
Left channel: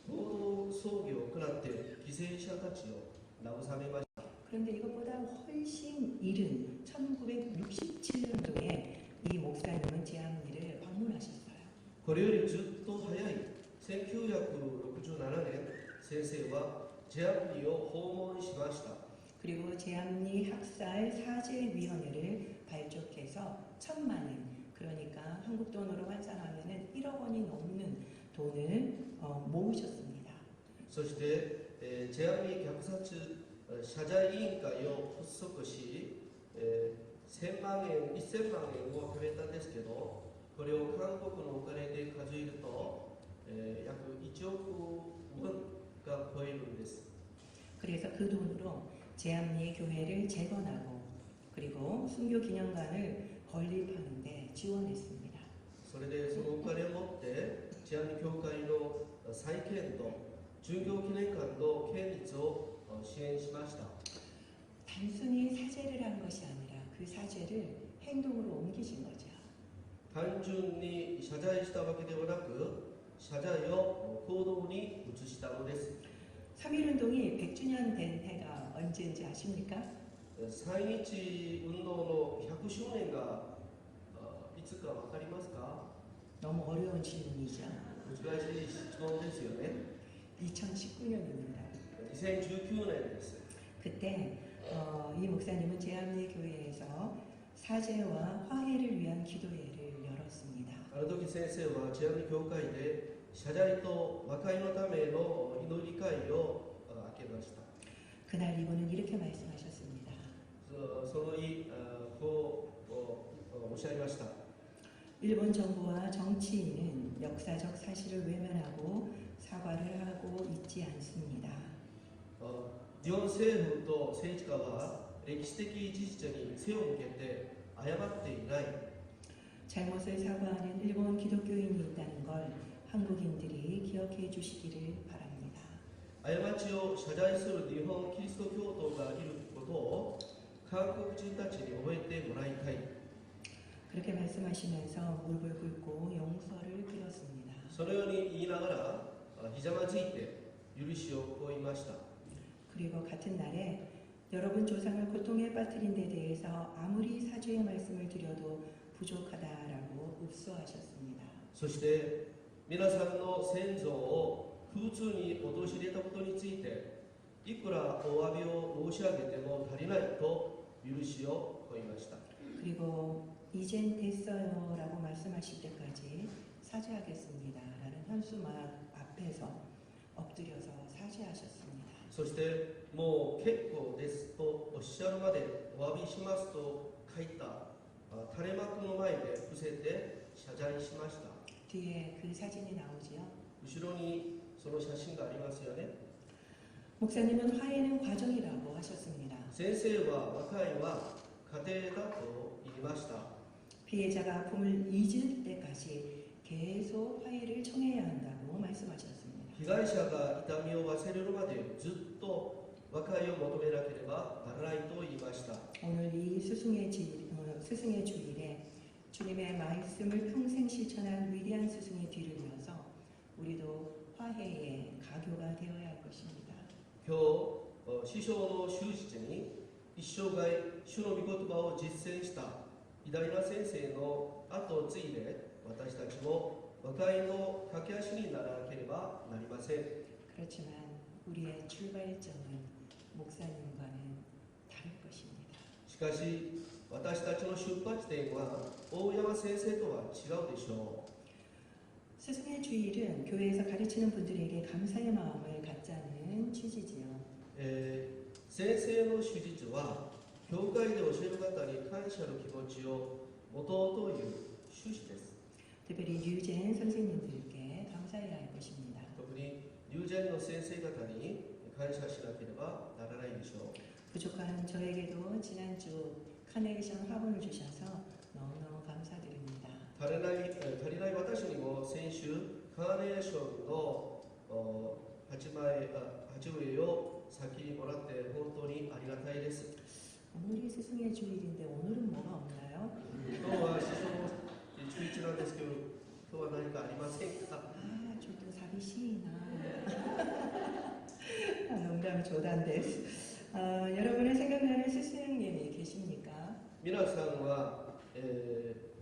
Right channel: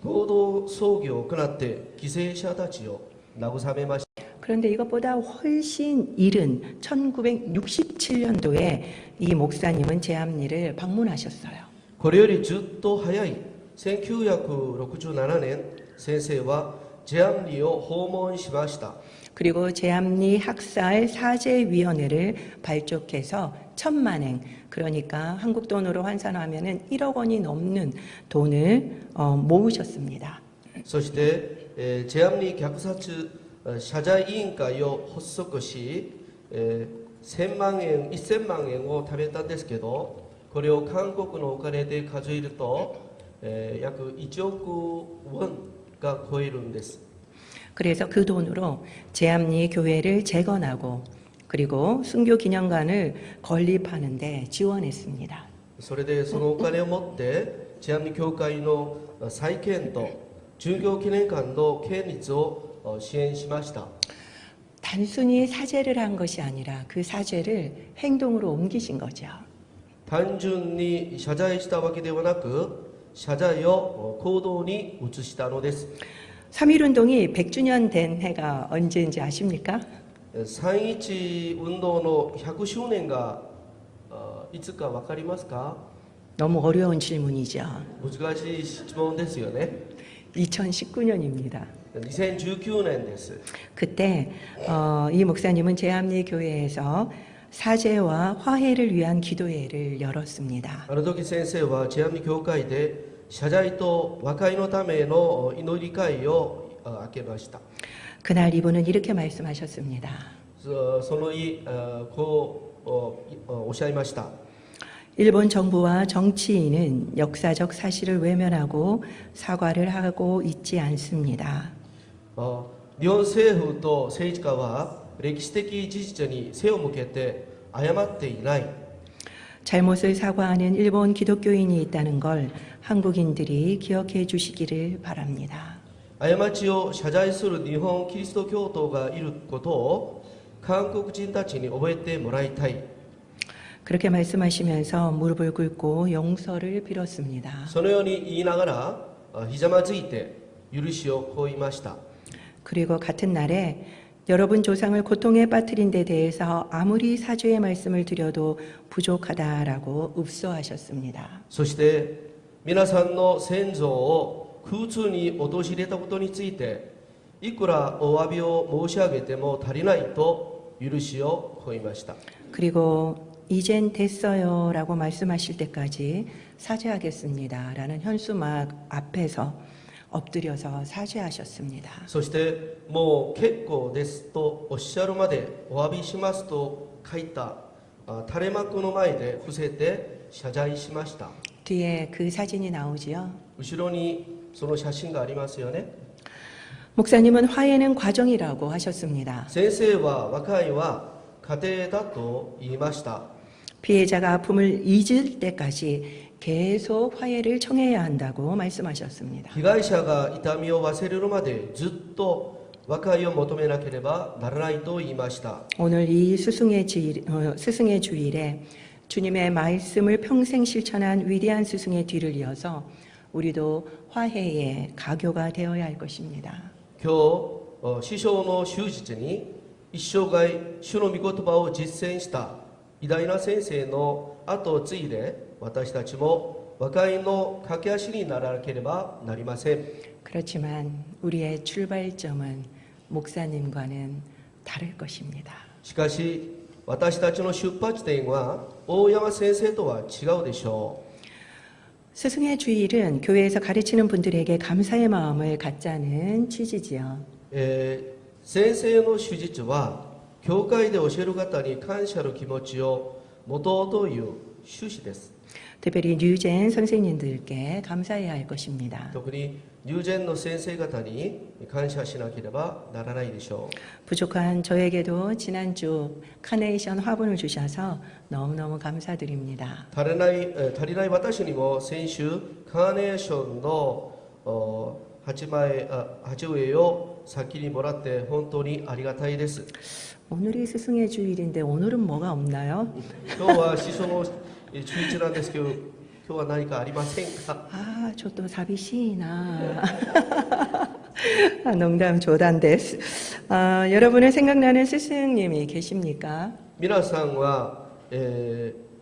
合同葬儀を行って犠牲者たちを慰めました。 그런데 이것보다 훨씬 이른 1967년도에 이 목사님은 제암리를 방문하셨어요. これよりずっと早い1967年、先生はジェアンリを訪問しました。 그리고 제암리 학살 사죄위원회를 발족해서 1,000만엔, 그러니까 한국 돈으로 환산하면은 1억 원이 넘는 돈을 모으셨습니다. そして、ジェアンリ虐殺謝罪委員会を発足し、1000万円を貯めたんですけど、これを韓国のお金で数えると、約1億ウォンが超えるんです。 그래서 그 돈으로 제암리 교회를 재건하고 그리고 순교 기념관을 건립하는데 지원했습니다. それでそのお金を持ってジェアンリ教会の再建と殉教記念館の建立を支援しました。 단순히 사죄를 한 것이 아니라 그 사죄를 행동으로 옮기신 거죠. 単純に謝罪したわけではなく、謝罪を行動に移したのです。 3.1운동이 100주년 된 해가 언제인지 아십니까? 3.1運動の100周年がいつか分かりますか？ 너무 어려운 질문이죠. 難しい質問ですよね。 2019년입니다. 2019年です。 그때 이 목사님은 제암리 교회에서 사죄와 화해를 위한 기도회를 열었습니다. あの時先生はジェアンリ教会で謝罪と和解のための祈り会を開けました。 그날 이분은 이렇게 말씀하셨습니다. その日、こうおっしゃいました。 일본 정부와 정치인은 역사적 사실을 외면하고 사과를 하고 있지 않습니다. 日本政府と政治家は歴史的事実に背を向けて謝っていない。 잘못을 사과하는 일본 기독교인이 있다는 걸 한국인들이 기억해 주시기를 바랍니다. 過ちを謝罪する日本キリスト教徒がいることを韓国人たちに覚えてもらいたい。 그렇게 말씀하시면서 무릎을 꿇고 용서를 빌었습니다. そのように言いながらひざまずいて許しを請いました。 그리고 같은 날에 여러분 조상을 고통에 빠뜨린 데 대해서 아무리 사죄의 말씀을 드려도 부족하다라고 읍소하셨습니다. そして皆さんの先祖を苦痛に陥れたことについていくらお詫びを申し上げても足りないと許しを請いました。 그리고 이젠 됐어요 라고 말씀하실 때까지 사죄하겠습니다 라는 현수막 앞에서 엎드려서 사죄하셨습니다. そしてもう結構ですとおっしゃるまでお詫びしますと書いた垂れ幕の前で伏せて謝罪しました。 뒤에 그 사진이 나오지요. 後ろにその写真がありますよね。 목사님은 화해는 과정이라고 하셨습니다. 先生は和解は過程だと言いました。 피해자가 아픔을 잊을 때까지 계속 화해를 청해야 한다고 말씀하셨습니다. 被害者が痛みを忘れるまでずっと和解を求めなければならないと言いました。 오늘 이 스승의 주일에 주님의 말씀을 평생 실천한 위대한 스승의 뒤를 이어서 우리도 화해의 가교가 되어야 할 것입니다. 今日師匠の終日に一生涯主の御言葉を実践した偉大な先生の後を継いで私たちも和解の駆け足にならなければなりません。 그렇지만 우리의 출발점은 목사님과는 다를 것입니다. しかし私たちの出発点は大山先生とは違うでしょう。 스승의 주일은 교회에서 가르치는 분들에게 감사의 마음을 갖자는 취지지요. 先生の手術は教会で教える方に感謝の気持ちを持とうという趣旨です。 특별히 뉴젠 선생님들께 감사해야 할 것입니다. 特に龍禅の先生方に感謝しなければならないでしょう。 부족한 저에게도 지난주 카네이션 화분을 주셔서 너무너무 감사드립니다. 足りない私にも先週カーネーションの鉢植えを先にもらって本当にありがたいです。 오늘이 스승의 주일인데 오늘은 뭐가 없나요? 今日は師匠の11なんですけど、今日は何かありませんか？ 아, 저도 사비시나. 아, 농담 조단 데스. 아, 여러분의 생각나는 스승님이 계십니까? 皆さんは、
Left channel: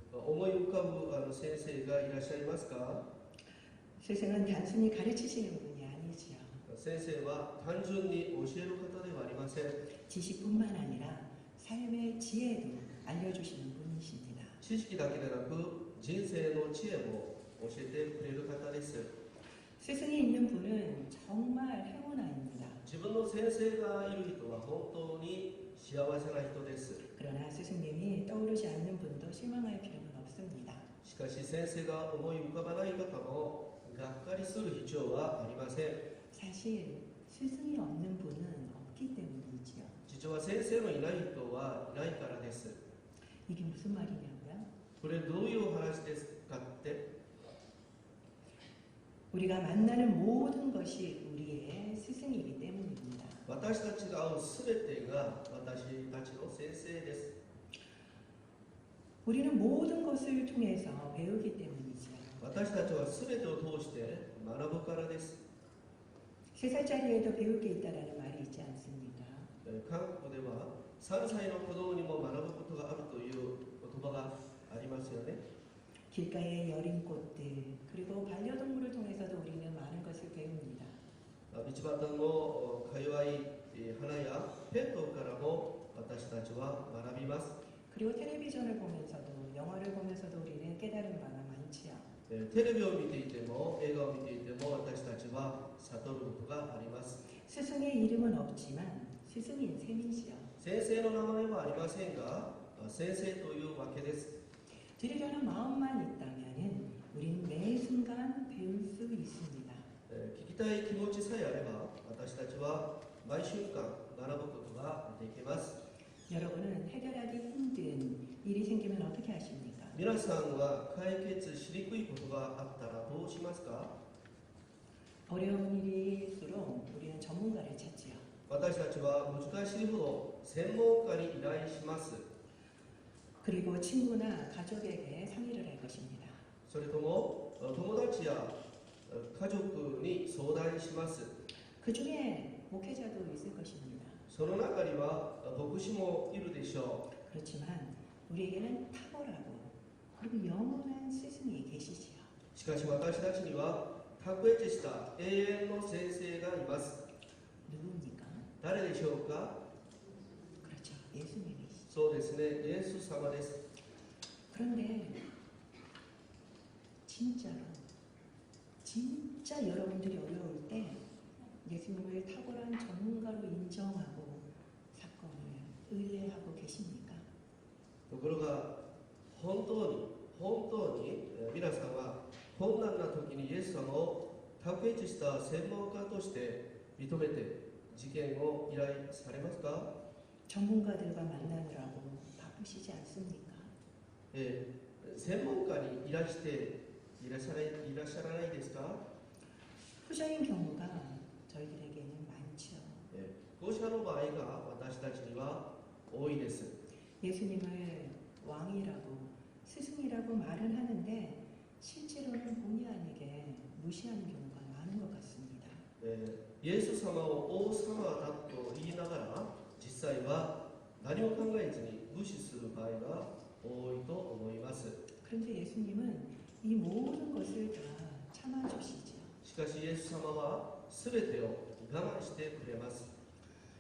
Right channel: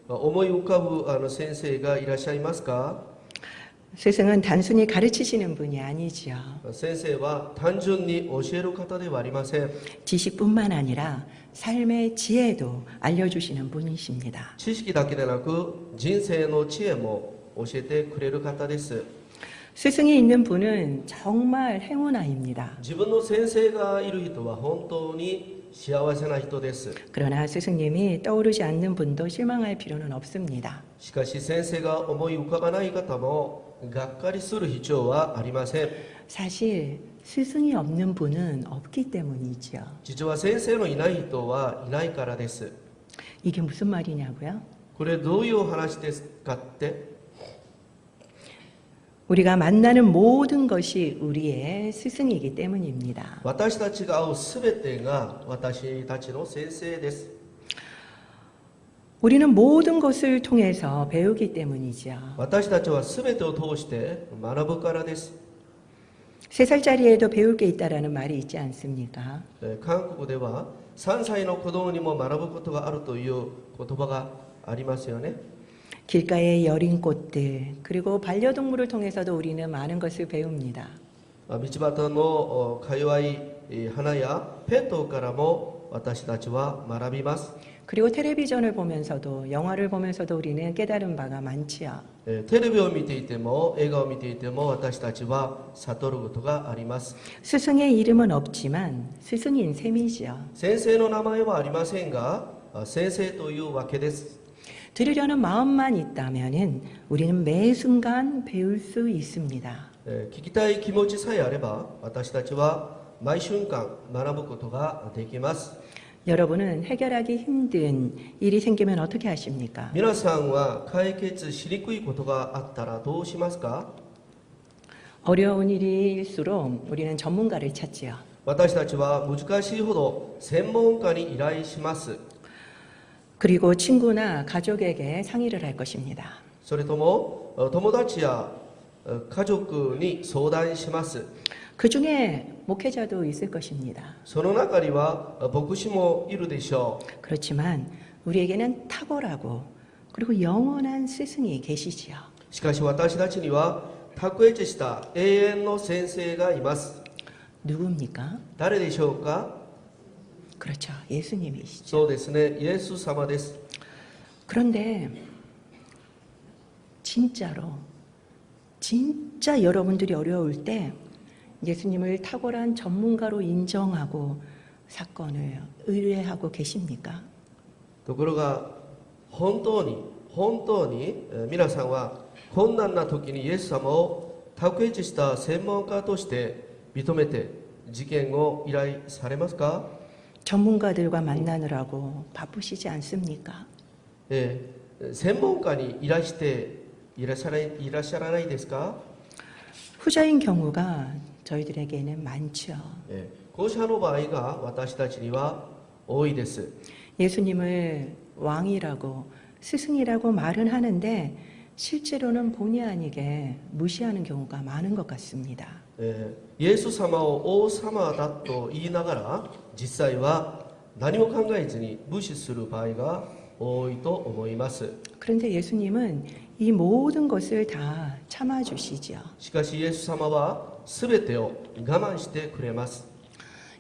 思い浮かぶ先生がいらっしゃいますか？ 스승은 단순히 가르치시는 분이 아니지요. 先生は単純に教える方ではありません。 지식뿐만 아니라 삶의 지혜도 알려주시는 분이십니다. 知識だけでなく人生の知恵も教えてくれる方です。 스승이 있는 분은 정말 행운아입니다. 自分の先生がいる人は本当に幸せな人です。 그러나 스승님이 떠오르지 않는 분도 실망할 필요는 없습니다. しかし先生が思い浮かばない方もがっかりする必要はありません。 사실 스승이 없는 분은 없기 때문이지요. 実は先生のいない人はいないからです。 이게 무슨 말이냐고요? これどういう話ですかって？ 우리가 만나는 모든 것이 우리의 스승이기 때문입니다. 私たちが会うすべてが私たちの先生です。 우리는 모든 것을 통해서 배우기 때문이죠. 私たちはすべてを通して学ぶからです。 3살짜리에도 배울 게 있다라는 말이 있지 않습니까? 韓国では3歳の子供にも学ぶことがあるという言葉がありますよね。 길가의 여린 꽃들 그리고 반려동물을 통해서도 우리는 많은 것을 배웁니다. 道端のか弱い花やペットからも私たちは学びます。 그리고 텔레비전을 보면서도 영화를 보면서도 우리는 깨달은 바가 많지요. テレビを見ていても映画を見ていても私たちは悟ることがあります。 스승의 이름은 없지만 스승인 셈이지요. 先生の名前はありませんが先生というわけです。 들으려는 마음만 있다면은 우리는 매 순간 배울 수 있습니다. 聞きたい気持ちさえあれば私たちは毎瞬間学ぶことができます。 여러분은 해결하기 힘든 일이 생기면 어떻게 하십니까? 皆さんは解決しにくいことがあったらどうしますか？ 어려운 일일수록 우리는 전문가를 찾지요. 私たちは難しいほど専門家に依頼します。 그리고 친구나 가족에게 상의를 할 것입니다. それとも友達や家族に相談します。 그 중에 목회자도 있을 것입니다. その中には牧師もいるでしょう。 그렇지만 우리에게는 탁월하고 그리고 영원한 스승이 계시지요. しかし私たちには卓越した永遠の先生がいます。 누굽니까? 誰でしょうか？ 그렇죠. 예수님이시죠. そうですね、イエス様です。 그런데 진짜 여러분들이 어려울 때 예수님을 탁월한 전문가로 인정하고 사건을 의뢰하고 계십니까? ところが本当に皆さんは困難な時にイエス様を卓越した専門家として認めて事件を依頼されますか？ 전문가들과 만나느라고 바쁘시지 않습니까? 専門家にいらっしゃらないですか？ 후자인 경우가 저희들에게는 많죠. 後者の場合が私たちには多いです。 예수님을 왕이라고 스승이라고 말은 하는데 실제로는 본의 아니게 무시하는 경우가 많은 것 같습니다. イエス様を王様だと言いながら実際は何も考えずに無視する場合が多いと思います。 그런데 예수님은 이 모든 것을 다 참아주시지요. しかしイエス様は全てを我慢してくれます。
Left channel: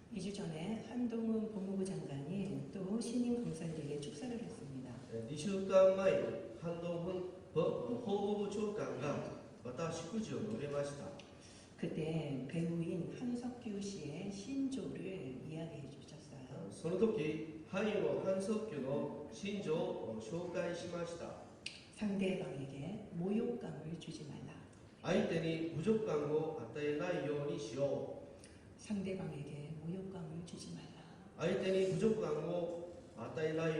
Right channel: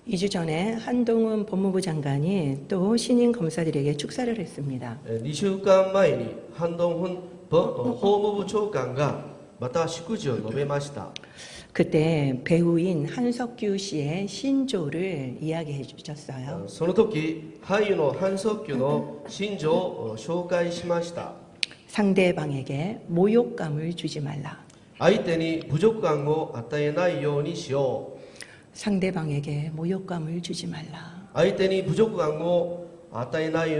2주 전에 한동훈 법무부 장관이 또 신임 검사들에게 축사를 했습니다. 2週間前にハンドンフン法務部長官がまた祝辞を述べました。 그때 배우인 한석규 씨의 신조를 이야기해 주셨어요. その時俳優のハン・ソッキュの心情を紹介しました。 상대방에게 모욕감을 주지 말라. 相手に侮辱感を与えないようにしよう。 상대방에게 모욕감을 주지 말라. 相手に侮辱感を与えない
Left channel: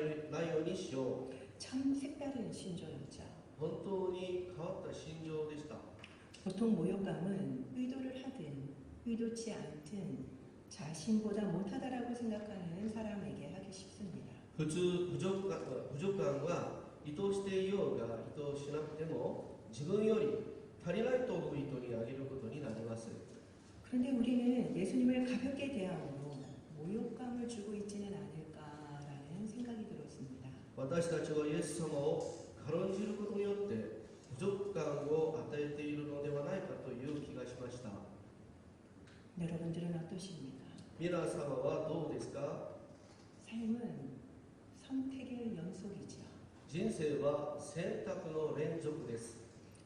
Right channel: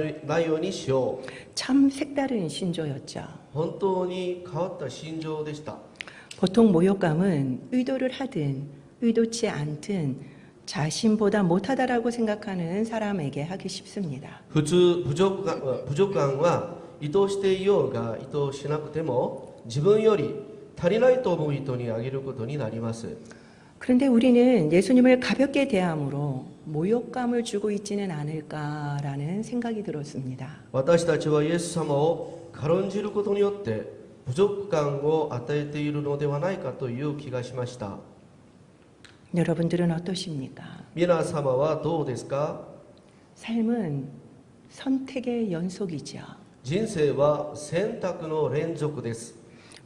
ようにしよう。 참 색다른 신조였죠. 本当に変わった心情でした。 보통 모욕감은 의도를 하든 의도치 않든 자신보다 못하다라고 생각하는 사람에게 하기 쉽습니다. 普通部族間は意図していようが意図しなくても自分より足りないと思う人にあげることになります。 그런데 우리는 예수님을 가볍게 대함으로 모욕감을 주고 있지는 않을까라는 생각이 들었습니다. 私たちはイエス様を軽んじることによって部族間を与えているのではないかという気がしました。 여러분들은 어떠십니까? 皆様はどうですか？ 삶은 선택의 연속이죠. 人生は選択の連続です。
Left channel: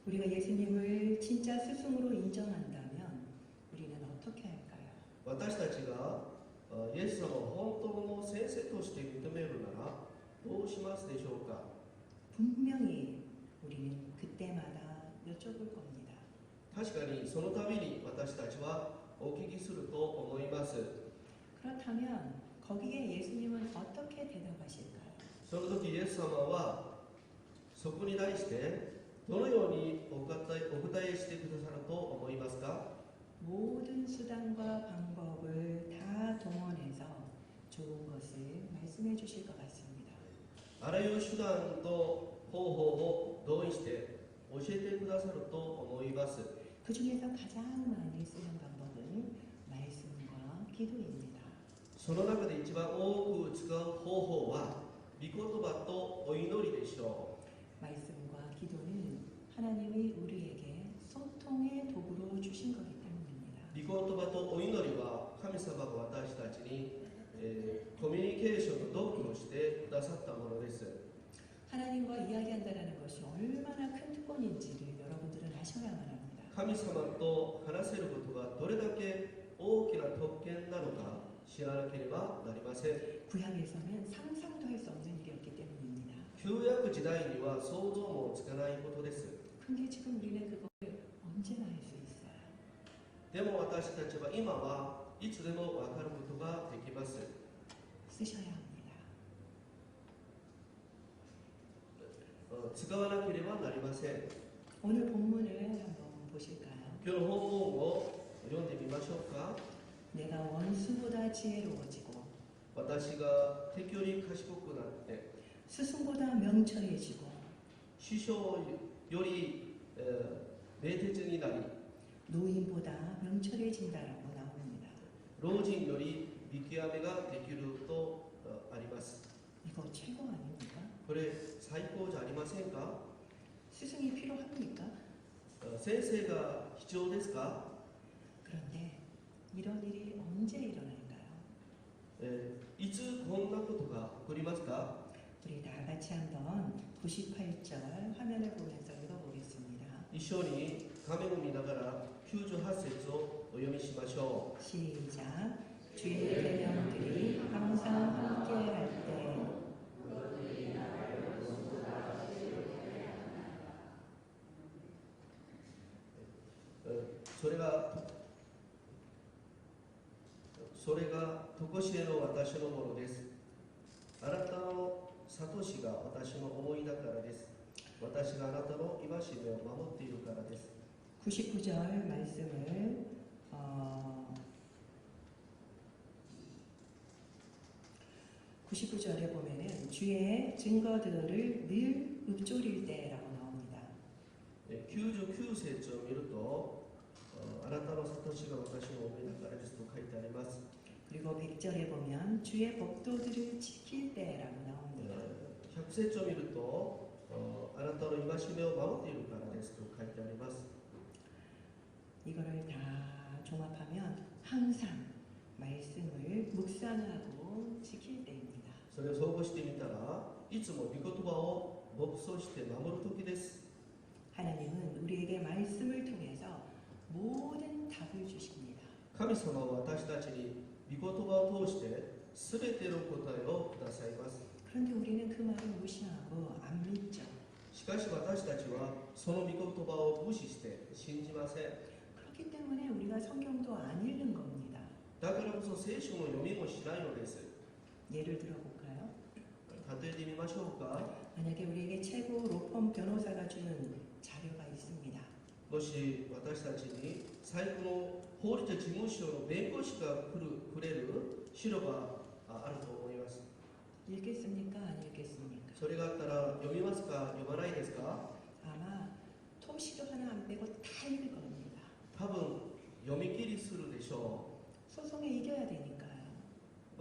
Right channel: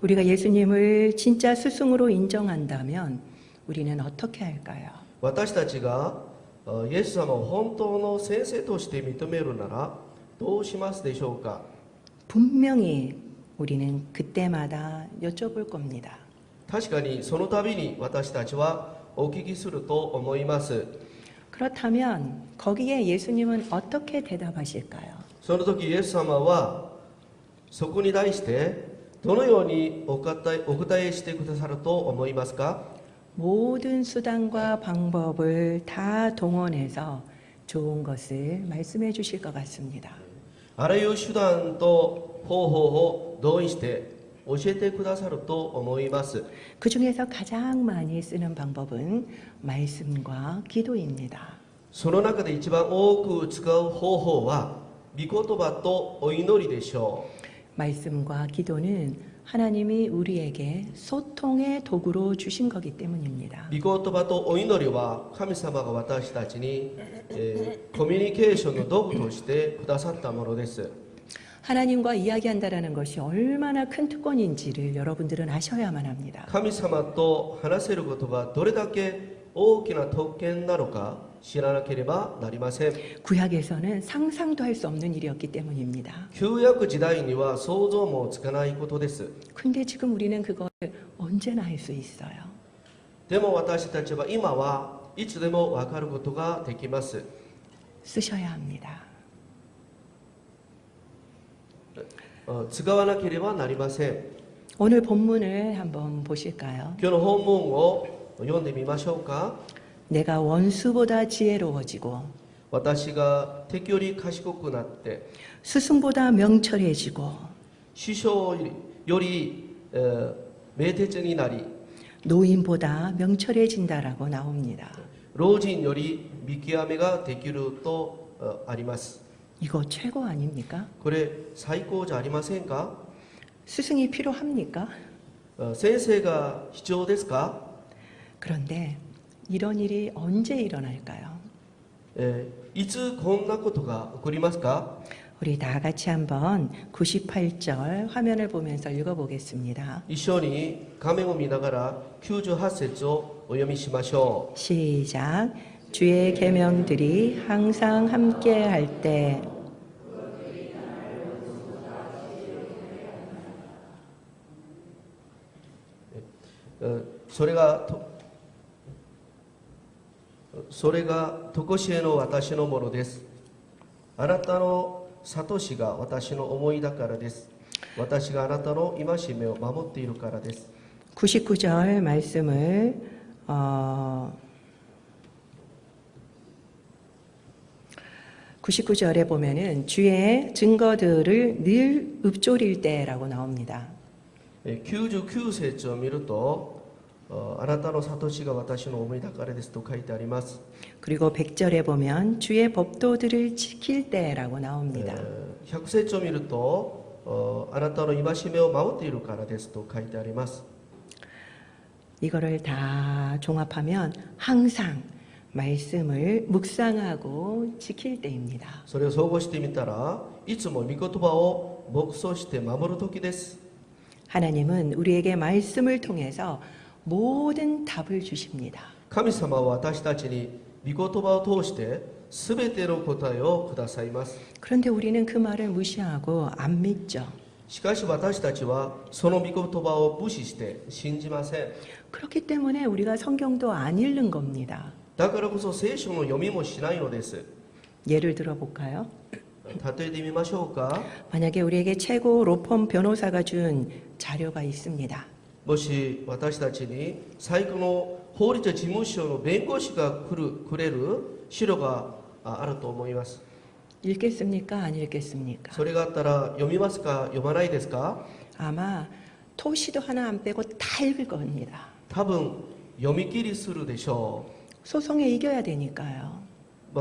우리가 예수님을 진짜 스승으로 인정한다면 우리는 어떻게 할까요? 私たちがイエス様を本当の先生として認めるならどうしますでしょうか？ 분명히 우리는 그때마다 여쭤볼 겁니다. 確かにその度に私たちはお聞きすると思います。 그렇다면 거기에 예수님은 어떻게 대답하실까요? その時イエス様はそこに対してどのようにお答えしてくださると思いますか？ 모든 수단과 방법을 다 동원해서 좋은 것을 말씀해 주실 것 같습니다. あらゆる手段と方法を同意して教えてくださると思います。 그 중에서 가장 많이 쓰는 방법은 말씀과 기도입니다. その中で一番多く使う方法は御言葉とお祈りでしょう。 말씀과 기도는 하나님이 우리에게 소통의 도구로 주신 거기 때문입니다. 御言葉とお祈りは神様が私たちに、コミュニケーションの道具としてくださったものです。 하나님과 이야기한다라는 것이 얼마나 큰 특권인지를 여러분들은 아셔야만 합니다. 神様と話せることがどれだけ大きな特権なのか知らなければなりません。 구약에서는 상상도 할 수 없는 일이었기 때문입니다. 旧約時代には想像もつかないことです。 근데 지금 우리는 그걸 언제나 할 수 있어요. でも私たちは今はいつでも分かることができます。 쓰셔야 합니다. 使わなければなりません。 오늘 본문을 한번 보실까요? 今日の本文を読んでみましょうか。 내가 원수보다 지혜로워지고 私が敵より賢くなって 스승보다 명철해지고 師匠より、明徹になり 노인보다 명철해진다라고 나옵니다. 老人より見極めができるとあります。 이거 최고 아닙니까? これ最高じゃありませんか？ 스승이 필요합니까? 先生が必要ですか？ 그런데 이런 일이 언제 일어날까요? いつこんなことが起こりますか？ 우리 다 같이 한번 98절 화면을 보면서 읽어보겠습니다. 一緒に画面を見ながら98節をお読みしましょう。 시작. 주의 계명들이 항상 함께 할 때それが常しえの私のものです。あなたの諭しが私の思いだからです。私があなたの戒めを守っているからです。 99절 말씀을 99절에 보면은 주의 증거들을 늘 읊조릴 때라고 나옵니다. 99節を見ると、あなたの諭しが私の思いだからですと書いてあります。 그리고 100절에 보면 주의 법도들을 지킬 때라고 나옵니다. 100節を見ると、あなたの戒めを守っているからですと書いてあります。 이거를 다 종합하면 항상 말씀을 묵상하고 지킬 때입니다. それを総合してみたら、いつも御言葉を黙想して守る時です。 하나님은 우리에게 말씀을 통해서 모든 답을 주십니다. 神様は私たちに御言葉を通して全ての答えをくださいます。 그런데 우리는 그 말을 무시하고 안 믿죠. しかし私たちはその御言葉を無視して信じません。 그렇기 때문에 우리가 성경도 안 읽는 겁니다. だからこそ聖書の読みもしないのです。 예를 들어볼까요? 例えてみましょうか。 만약에 우리에게 최고 로펌 변호사가 준 자료가 있습니다. もし私たちに最高の法律事務所の弁護士がくれる資料があると思います。 읽겠습니까? 안 읽겠습니까? それがあったら読みますか読まないですか？ 아마 토시도 하나 안 빼고 다 읽을 겁니다. 多分読み切りするでしょ 소송에 이겨야 되니까요. う。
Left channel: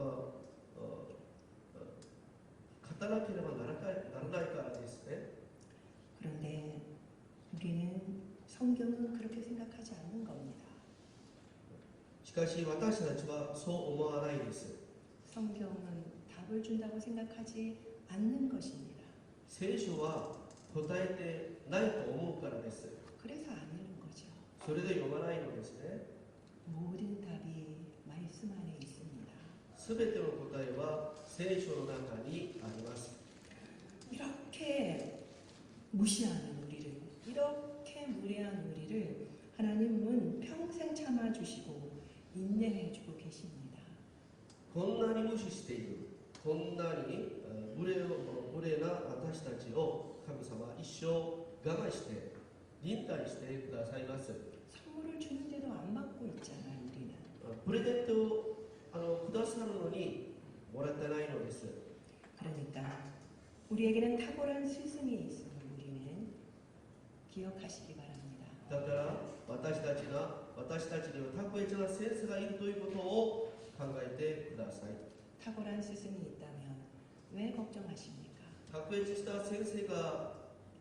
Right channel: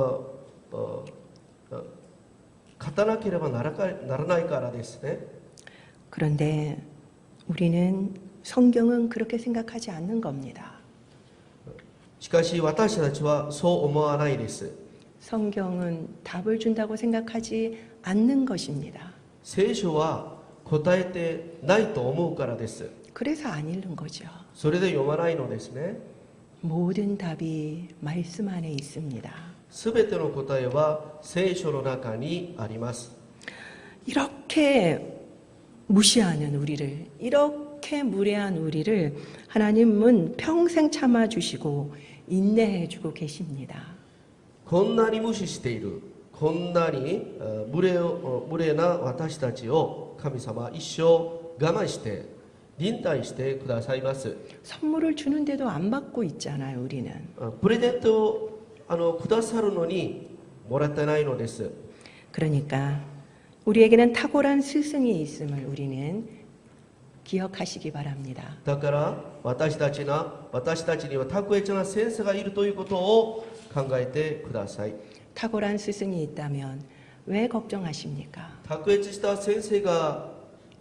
勝たなければならないからですね。 그런데 우리는 성경은 그렇게 생각하지 않는 겁니다. しかし私たちはそう思わないです。 성경은 답을 준다고 생각하지 않는 것입니다. 聖書は答えてないと思うからです。 그래서 안 읽는 거죠. それで読まないのですね。 모든 답이 말씀 안에 있습니다. すべての答えは聖書の中にあります。 이렇게 무시하는 우리를, 이렇게 무례한 우리를 하나님은 평생 참아주시고 인내해주고 계십니다. こんなに無視している、こんなに無礼な私たちを神様は一生我慢して忍耐してくださいます。 선물을 주는데도 안 받고 있잖아요, 우리는. プレゼントをくださるのにもらってないのです。 그러니까 우리에게는 탁월한 스승이 있음을 우리는 기억하시기 바랍니다. だから私たちには卓越な先生がいるということを考えてください。 탁월한 스승이 있다면 왜 걱정하십니까? 卓越した先生が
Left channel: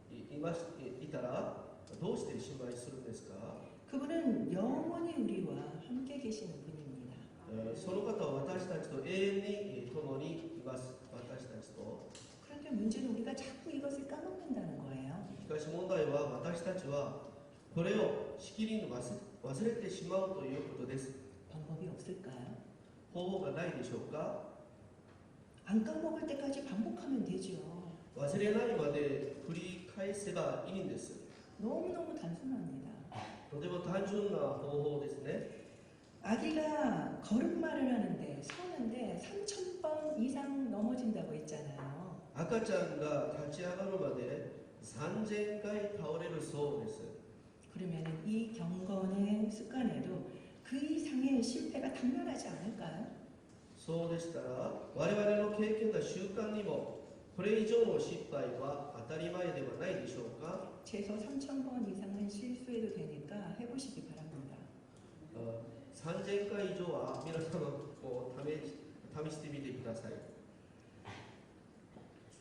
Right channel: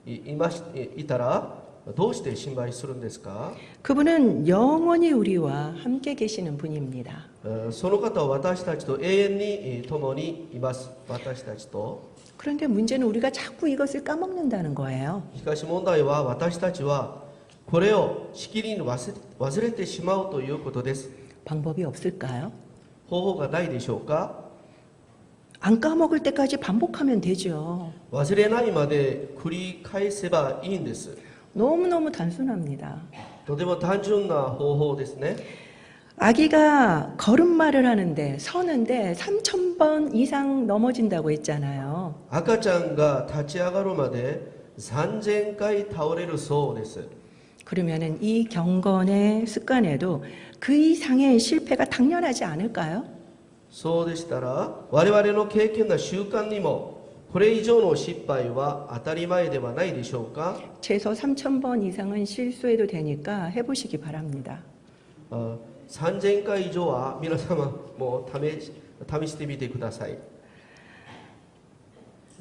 いたらどうして心配するんですか？ 그분은 영원히 우리와 함께 계시는 분입니다. その方は私たちと永遠に共にいます。私たちと。 그런데 문제는 우리가 자꾸 이것을 까먹는다는 거예요. しかし問題は私たちはこれをしきりに忘れてしまうということです。 방법이 없을까요? 方法がないでしょうか？ 안 까먹을 때까지 반복하면 되죠. 忘れないまで繰り返せばいいんです。 너무너무 단순합니다. とても単純な方法ですね。 아기가 걸음마를 하는데 서는데 3,000번 이상 넘어진다고 했잖아요. 赤ちゃんが立ち上がるまで3000回倒れるそうです。 그러면은 이 경건의 습관에도 그 이상의 실패가 당연하지 않을까요? そうでしたら我々の経験な習慣にもこれ以上の失敗は当たり前ではないでしょうか？ 최소 3,000번 이상은 실수해도 되니까 해보시기 바랍니다. 3000回以上は皆様も試してみてください。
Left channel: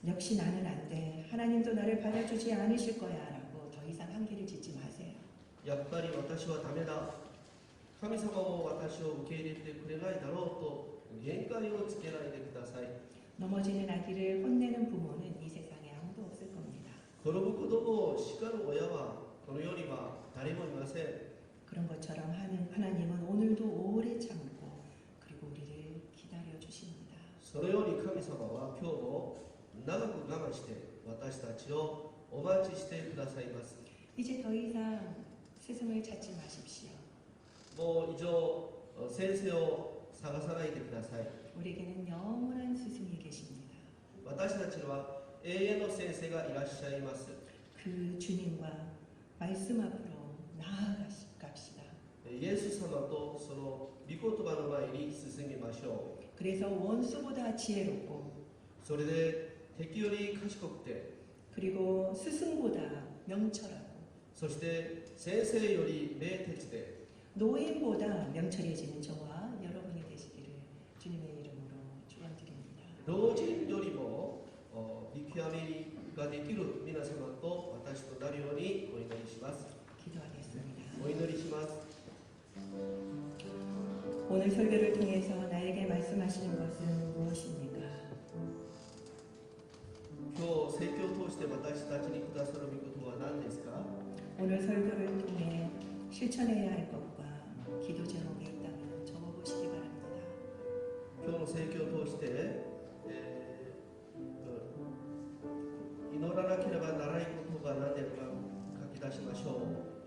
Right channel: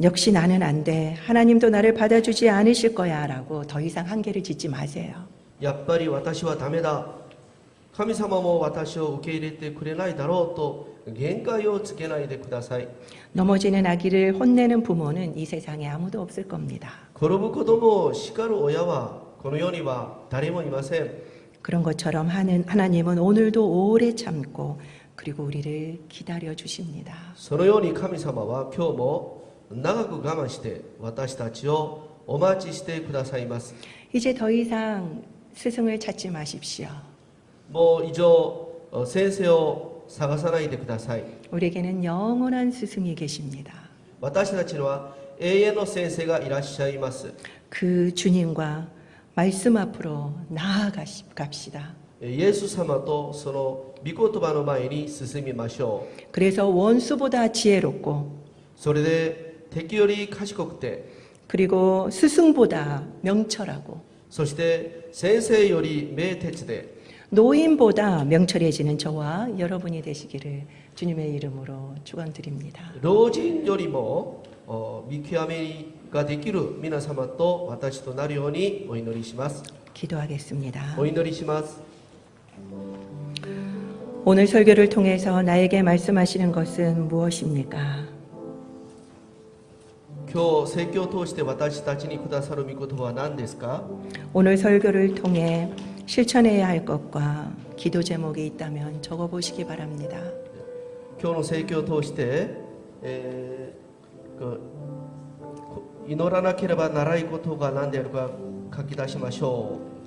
역시 나는 안 돼. 하나님도 나를 받아주지 않으실 거야. 라고 더 이상 한계를 짓지 마세요. やっぱり私はダメだ。神様も私を受け入れてくれないだろうと限界をつけないでください。 넘어지는 아기를 혼내는 부모는 이 세상에 아무도 없을 겁니다. 転ぶ子供を叱る親はこの世には誰もいません。 그런 것처럼 하나님은 오늘도 오래 참고 그리고 우리를 기다려 주십니다. そのように神様は今日も長く我慢して私たちをお待ちしてくださいます。 이제 더 이상 스승을 찾지 마십시오. もう以上先生を探さないでください。 우리에게는 영원한 스승이 계십니다. 私たちには永遠の先生がいらっしゃいます。 그 주님과 말씀 앞으로 나아갑시다. イエス様とその御言葉の前に進みましょう。 그래서 원수보다 지혜롭고 それで敵より賢くて、 그리고 스승보다 명철하고 そして先生より明徹で、 노인보다 명철해지는 저와 여러분이 되시기를 주님의 이름으로 축원드립니다. 老人よりも見極めができる皆様と私となるようにお祈りします。 기도하겠습니다. お祈りします。 오늘 설교를 통해서 나에게 말씀하시는 것은 무엇입니까? 今日説教を通して私たちにくださる御言葉は何ですか？ 오늘 설교를 통해 실천해야 할 것과 기도 제목이 있다면 적어보시기 바랍니다. 今日の説教を通して、祈らなければならないことが何であるか書き出しましょう。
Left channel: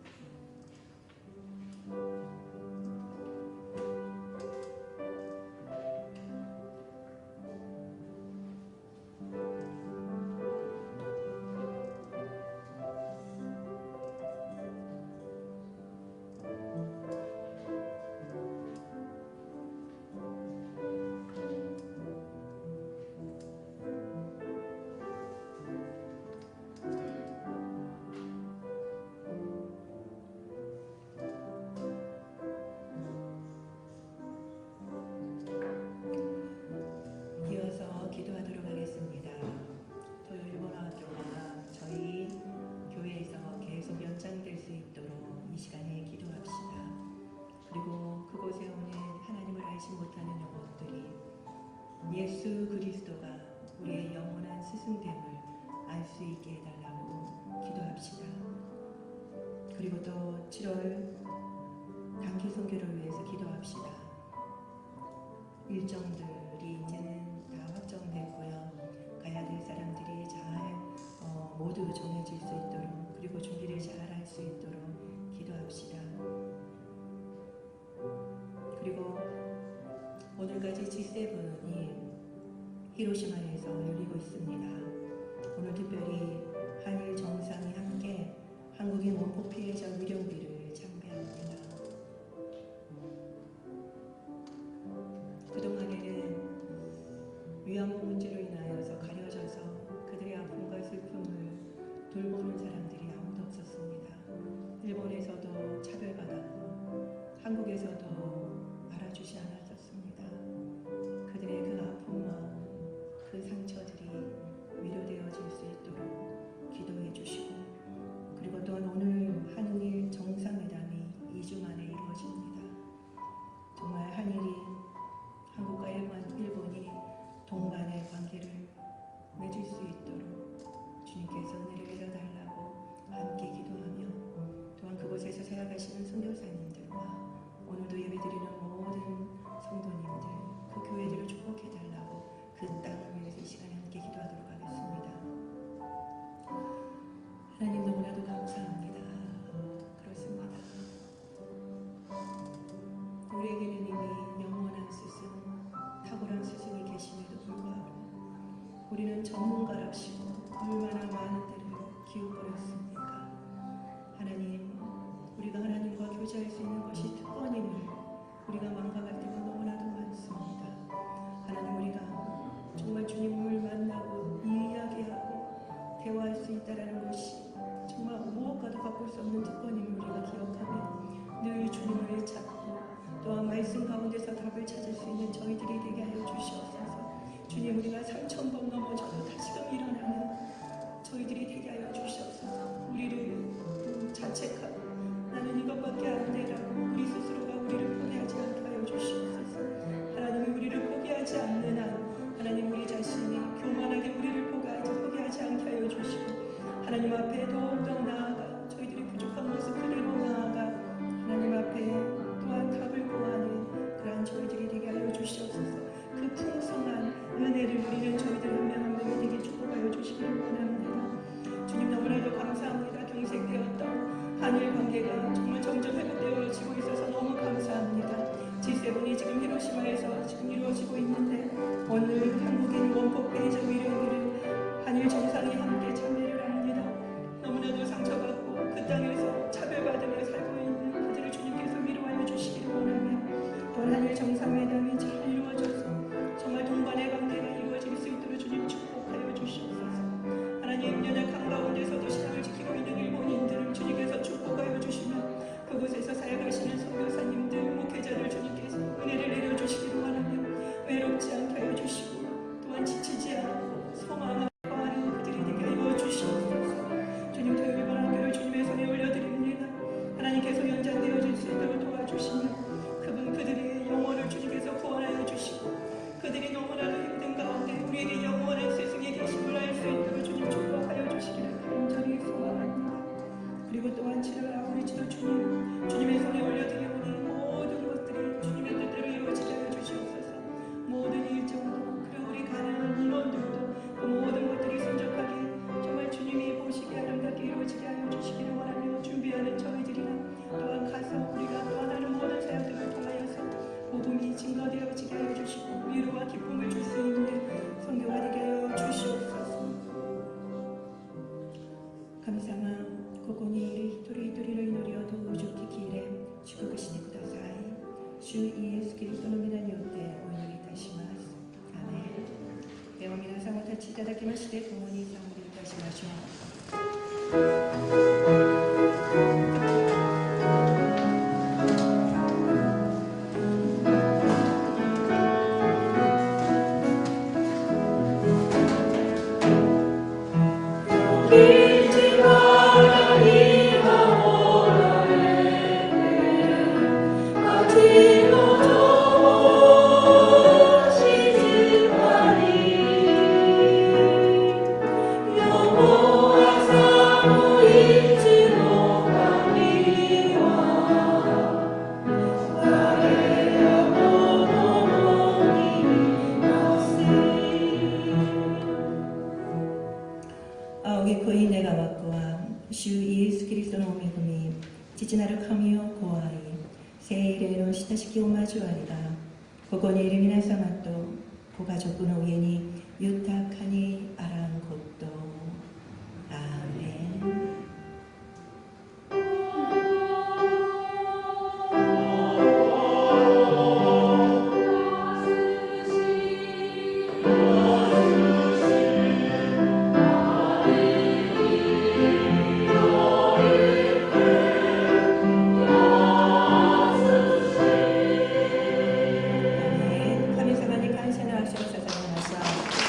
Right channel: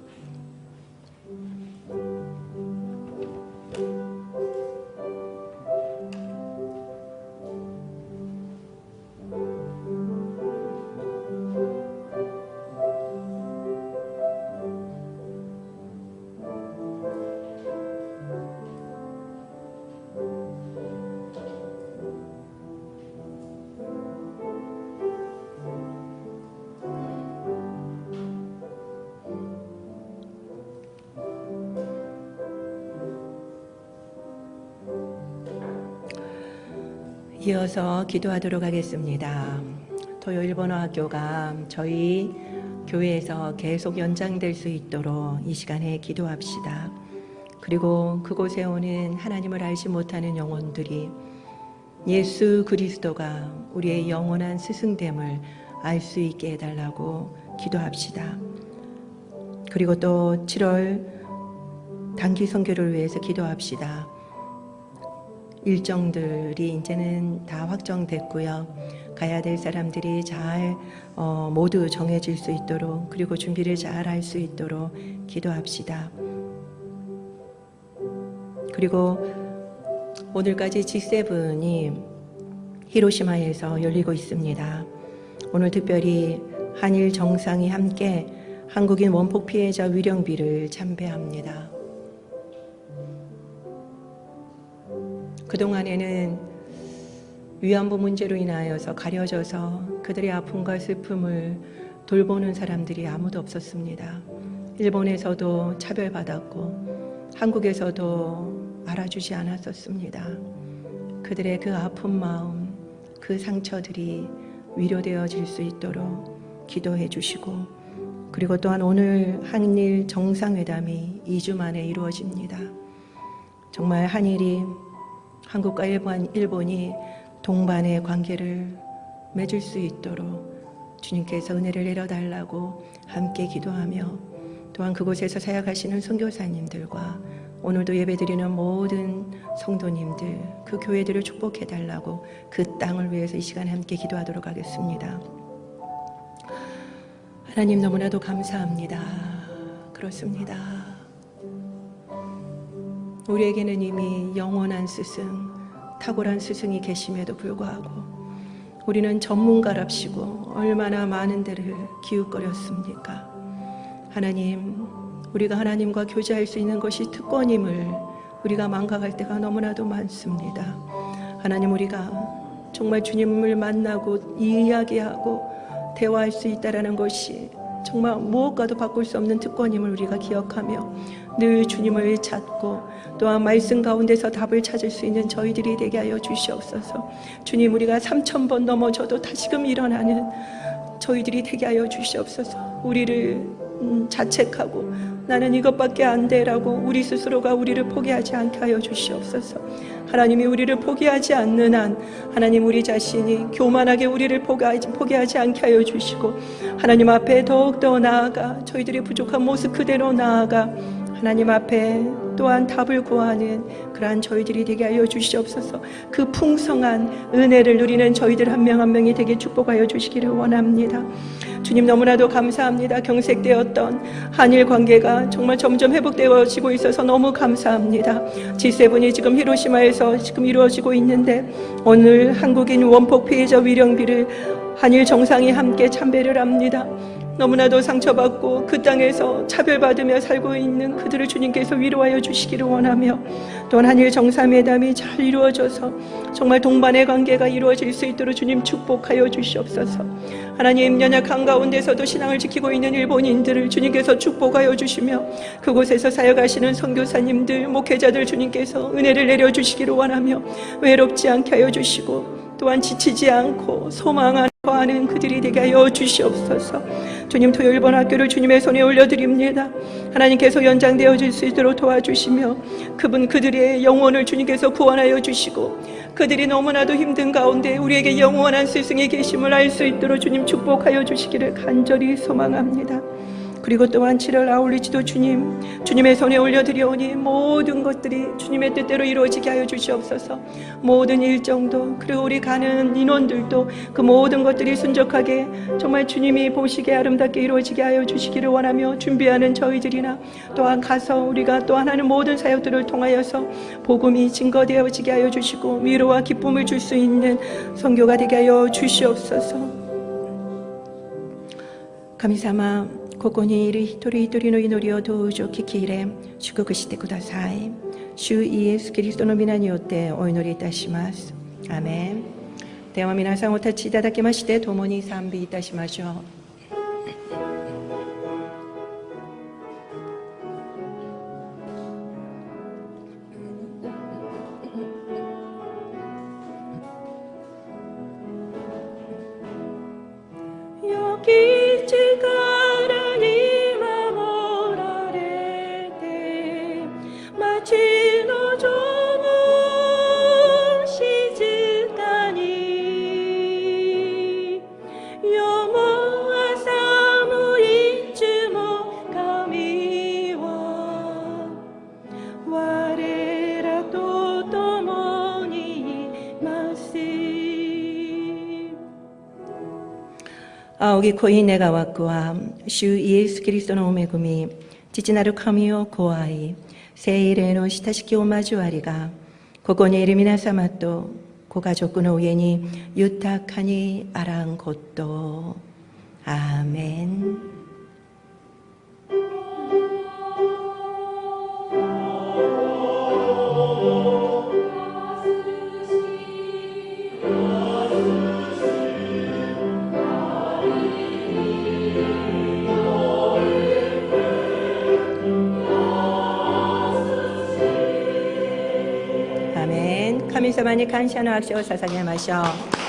이어서 기도하도록 하겠습니다. 토요 일본어 학교가 저희 교회에서 계속 연장될 수 있도록 이 시간에 기도합시다. 그리고 그곳에 오는 하나님을 알지 못하는 영혼들이 예수 그리스도가 우리의 영원한 스승됨을 알 수 있게 해달라고 기도합시다. 그리고 또 7월 단기 선교를 위해서 기도합시다. 일정들이 이제는 다 확정됐고요. 가야 될 사람들이 잘 모두 정해질 수 있도록, 그리고 준비를 잘 할 수 있도록 기도합시다. 그리고 오늘까지 G7이 히로시마에서 열리고 있습니다. 오늘 특별히 한일 정상이 함께 한국인 원폭 피해자 위령비를 참배합니다. 그동안에는 위안부 문제로 인하여서 가려져서 그들의 아픔과 슬픔을 돌보는 사람들이 아무도 없었습니다. 일본에서도 차별받았고 한국에서도 알아주지 않았었습니다. 그들의 그 아픈 마음, 그 상처들이 위로되어질 수 있도록 기도해 주시고, 그리고 또한 오늘 한일 정상회담이 2주 만에 이루어집니다. 정말 한일이, 한국과 일본이 동반의 관계를 맺을 수 있도록 주님께서 은혜를 내려달라고 함께 기도하며, 또한 그곳에서 사역하시는 선교사님들과 오늘도 예배드리는 모든 성도님들, 그 교회들을 축복해달라고 그 땅을 위해서 이 시간에 함께 기도하도록 하겠습니다. 하나님 너무나도 감사합니다. 그렇습니다. 우리에게는 이미 영원한 스승, 탁월한 스승이 계심에도 불구하고 우리는 전문가랍시고 얼마나 많은 데를 기웃거렸습니까? 하나님, 우리가 하나님과 교제할 수 있는 것이 특권임을 우리가 망각할 때가 너무나도 많습니다. 하나님, 우리가 정말 주님을 만나고 이야기하고 대화할 수 있다는 것이 정말 무엇과도 바꿀 수 없는 특권임을 우리가 기억하며 늘 주님을 찾고 또한 말씀 가운데서 답을 찾을 수 있는 저희들이 되게 하여 주시옵소서. 주님, 우리가 3,000번 넘어져도 다시금 일어나는 저희들이 되게 하여 주시옵소서. 우리를 자책하고 나는 이것밖에 안 돼라고 우리 스스로가 우리를 포기하지 않게 하여 주시옵소서. 하나님이 우리를 포기하지 않는 한 하나님, 우리 자신이 교만하게 우리를 포기하지 않게 하여 주시고 하나님 앞에 더욱더 나아가 저희들의 부족한 모습 그대로 나아가 하나님 앞에 또한 답을 구하는 그러한 저희들이 되게 하여 주시옵소서. 그 풍성한 은혜를 누리는 저희들 한 명 한 명이 되게 축복하여 주시기를 원합니다. 주님, 너무나도 감사합니다. 경색되었던 한일 관계가 정말 점점 회복되어지고 있어서 너무 감사합니다. G7이 지금 히로시마에서 지금 이루어지고 있는데 오늘 한국인 원폭 피해자 위령비를 한일 정상이 함께 참배를 합니다. 너무나도 상처받고 그 땅에서 차별받으며 살고 있는 그들을 주님께서 위로하여 주시기를 원하며, 또한 한일 정상회담이 잘 이루어져서 정말 동반의 관계가 이루어질 수 있도록 주님 축복하여 주시옵소서. 하나님, 연약한 가운데서도 신앙을 지키고 있는 일본인들을 주님께서 축복하여 주시며 그곳에서 사역하시는 선교사님들, 목회자들 주님께서 은혜를 내려주시기를 원하며 외롭지 않게 하여 주시고 또한 지치지 않고 소망하는 거하는 그들이 되게 하여 주시옵소서. 주님, 토요 일본 학교를 주님의 손에 올려드립니다. 하나님께서 연장되어질 수 있도록 도와주시며 그들의 영혼을 주님께서 구원하여 주시고 그들이 너무나도 힘든 가운데 우리에게 영원한 스승이 계심을 알 수 있도록 주님 축복하여 주시기를 간절히 소망합니다. 그리고 또한 7월 아울리지도 주님의 손에 올려드리오니 모든 것들이 주님의 뜻대로 이루어지게 하여 주시옵소서. 모든 일정도, 그리고 우리 가는 인원들도 그 모든 것들이 순적하게 정말 주님이 보시기에 아름답게 이루어지게 하여 주시기를 원하며 준비하는 저희들이나 또한 가서 우리가 또한 하는 모든 사역들을 통하여서 복음이 증거되어지게 하여 주시고 위로와 기쁨을 줄 수 있는 선교가 되게 하여 주시옵소서. 감사마ここにいる一人一人の祈りをどうぞ聞き入れ祝福してください。主イエスキリストの皆によってお祈りいたします。アーメン。では皆さんお立ちいただきまして共に賛美いたしましょう。仰ぎ恋願わくは、主イエス・キリストのお恵み、父なる神をご愛、聖霊の親しきお交わりが、ここにいる皆様とご家族の上に豊かにあらんこと。アーメン。神様に感謝の足を捧げましょう。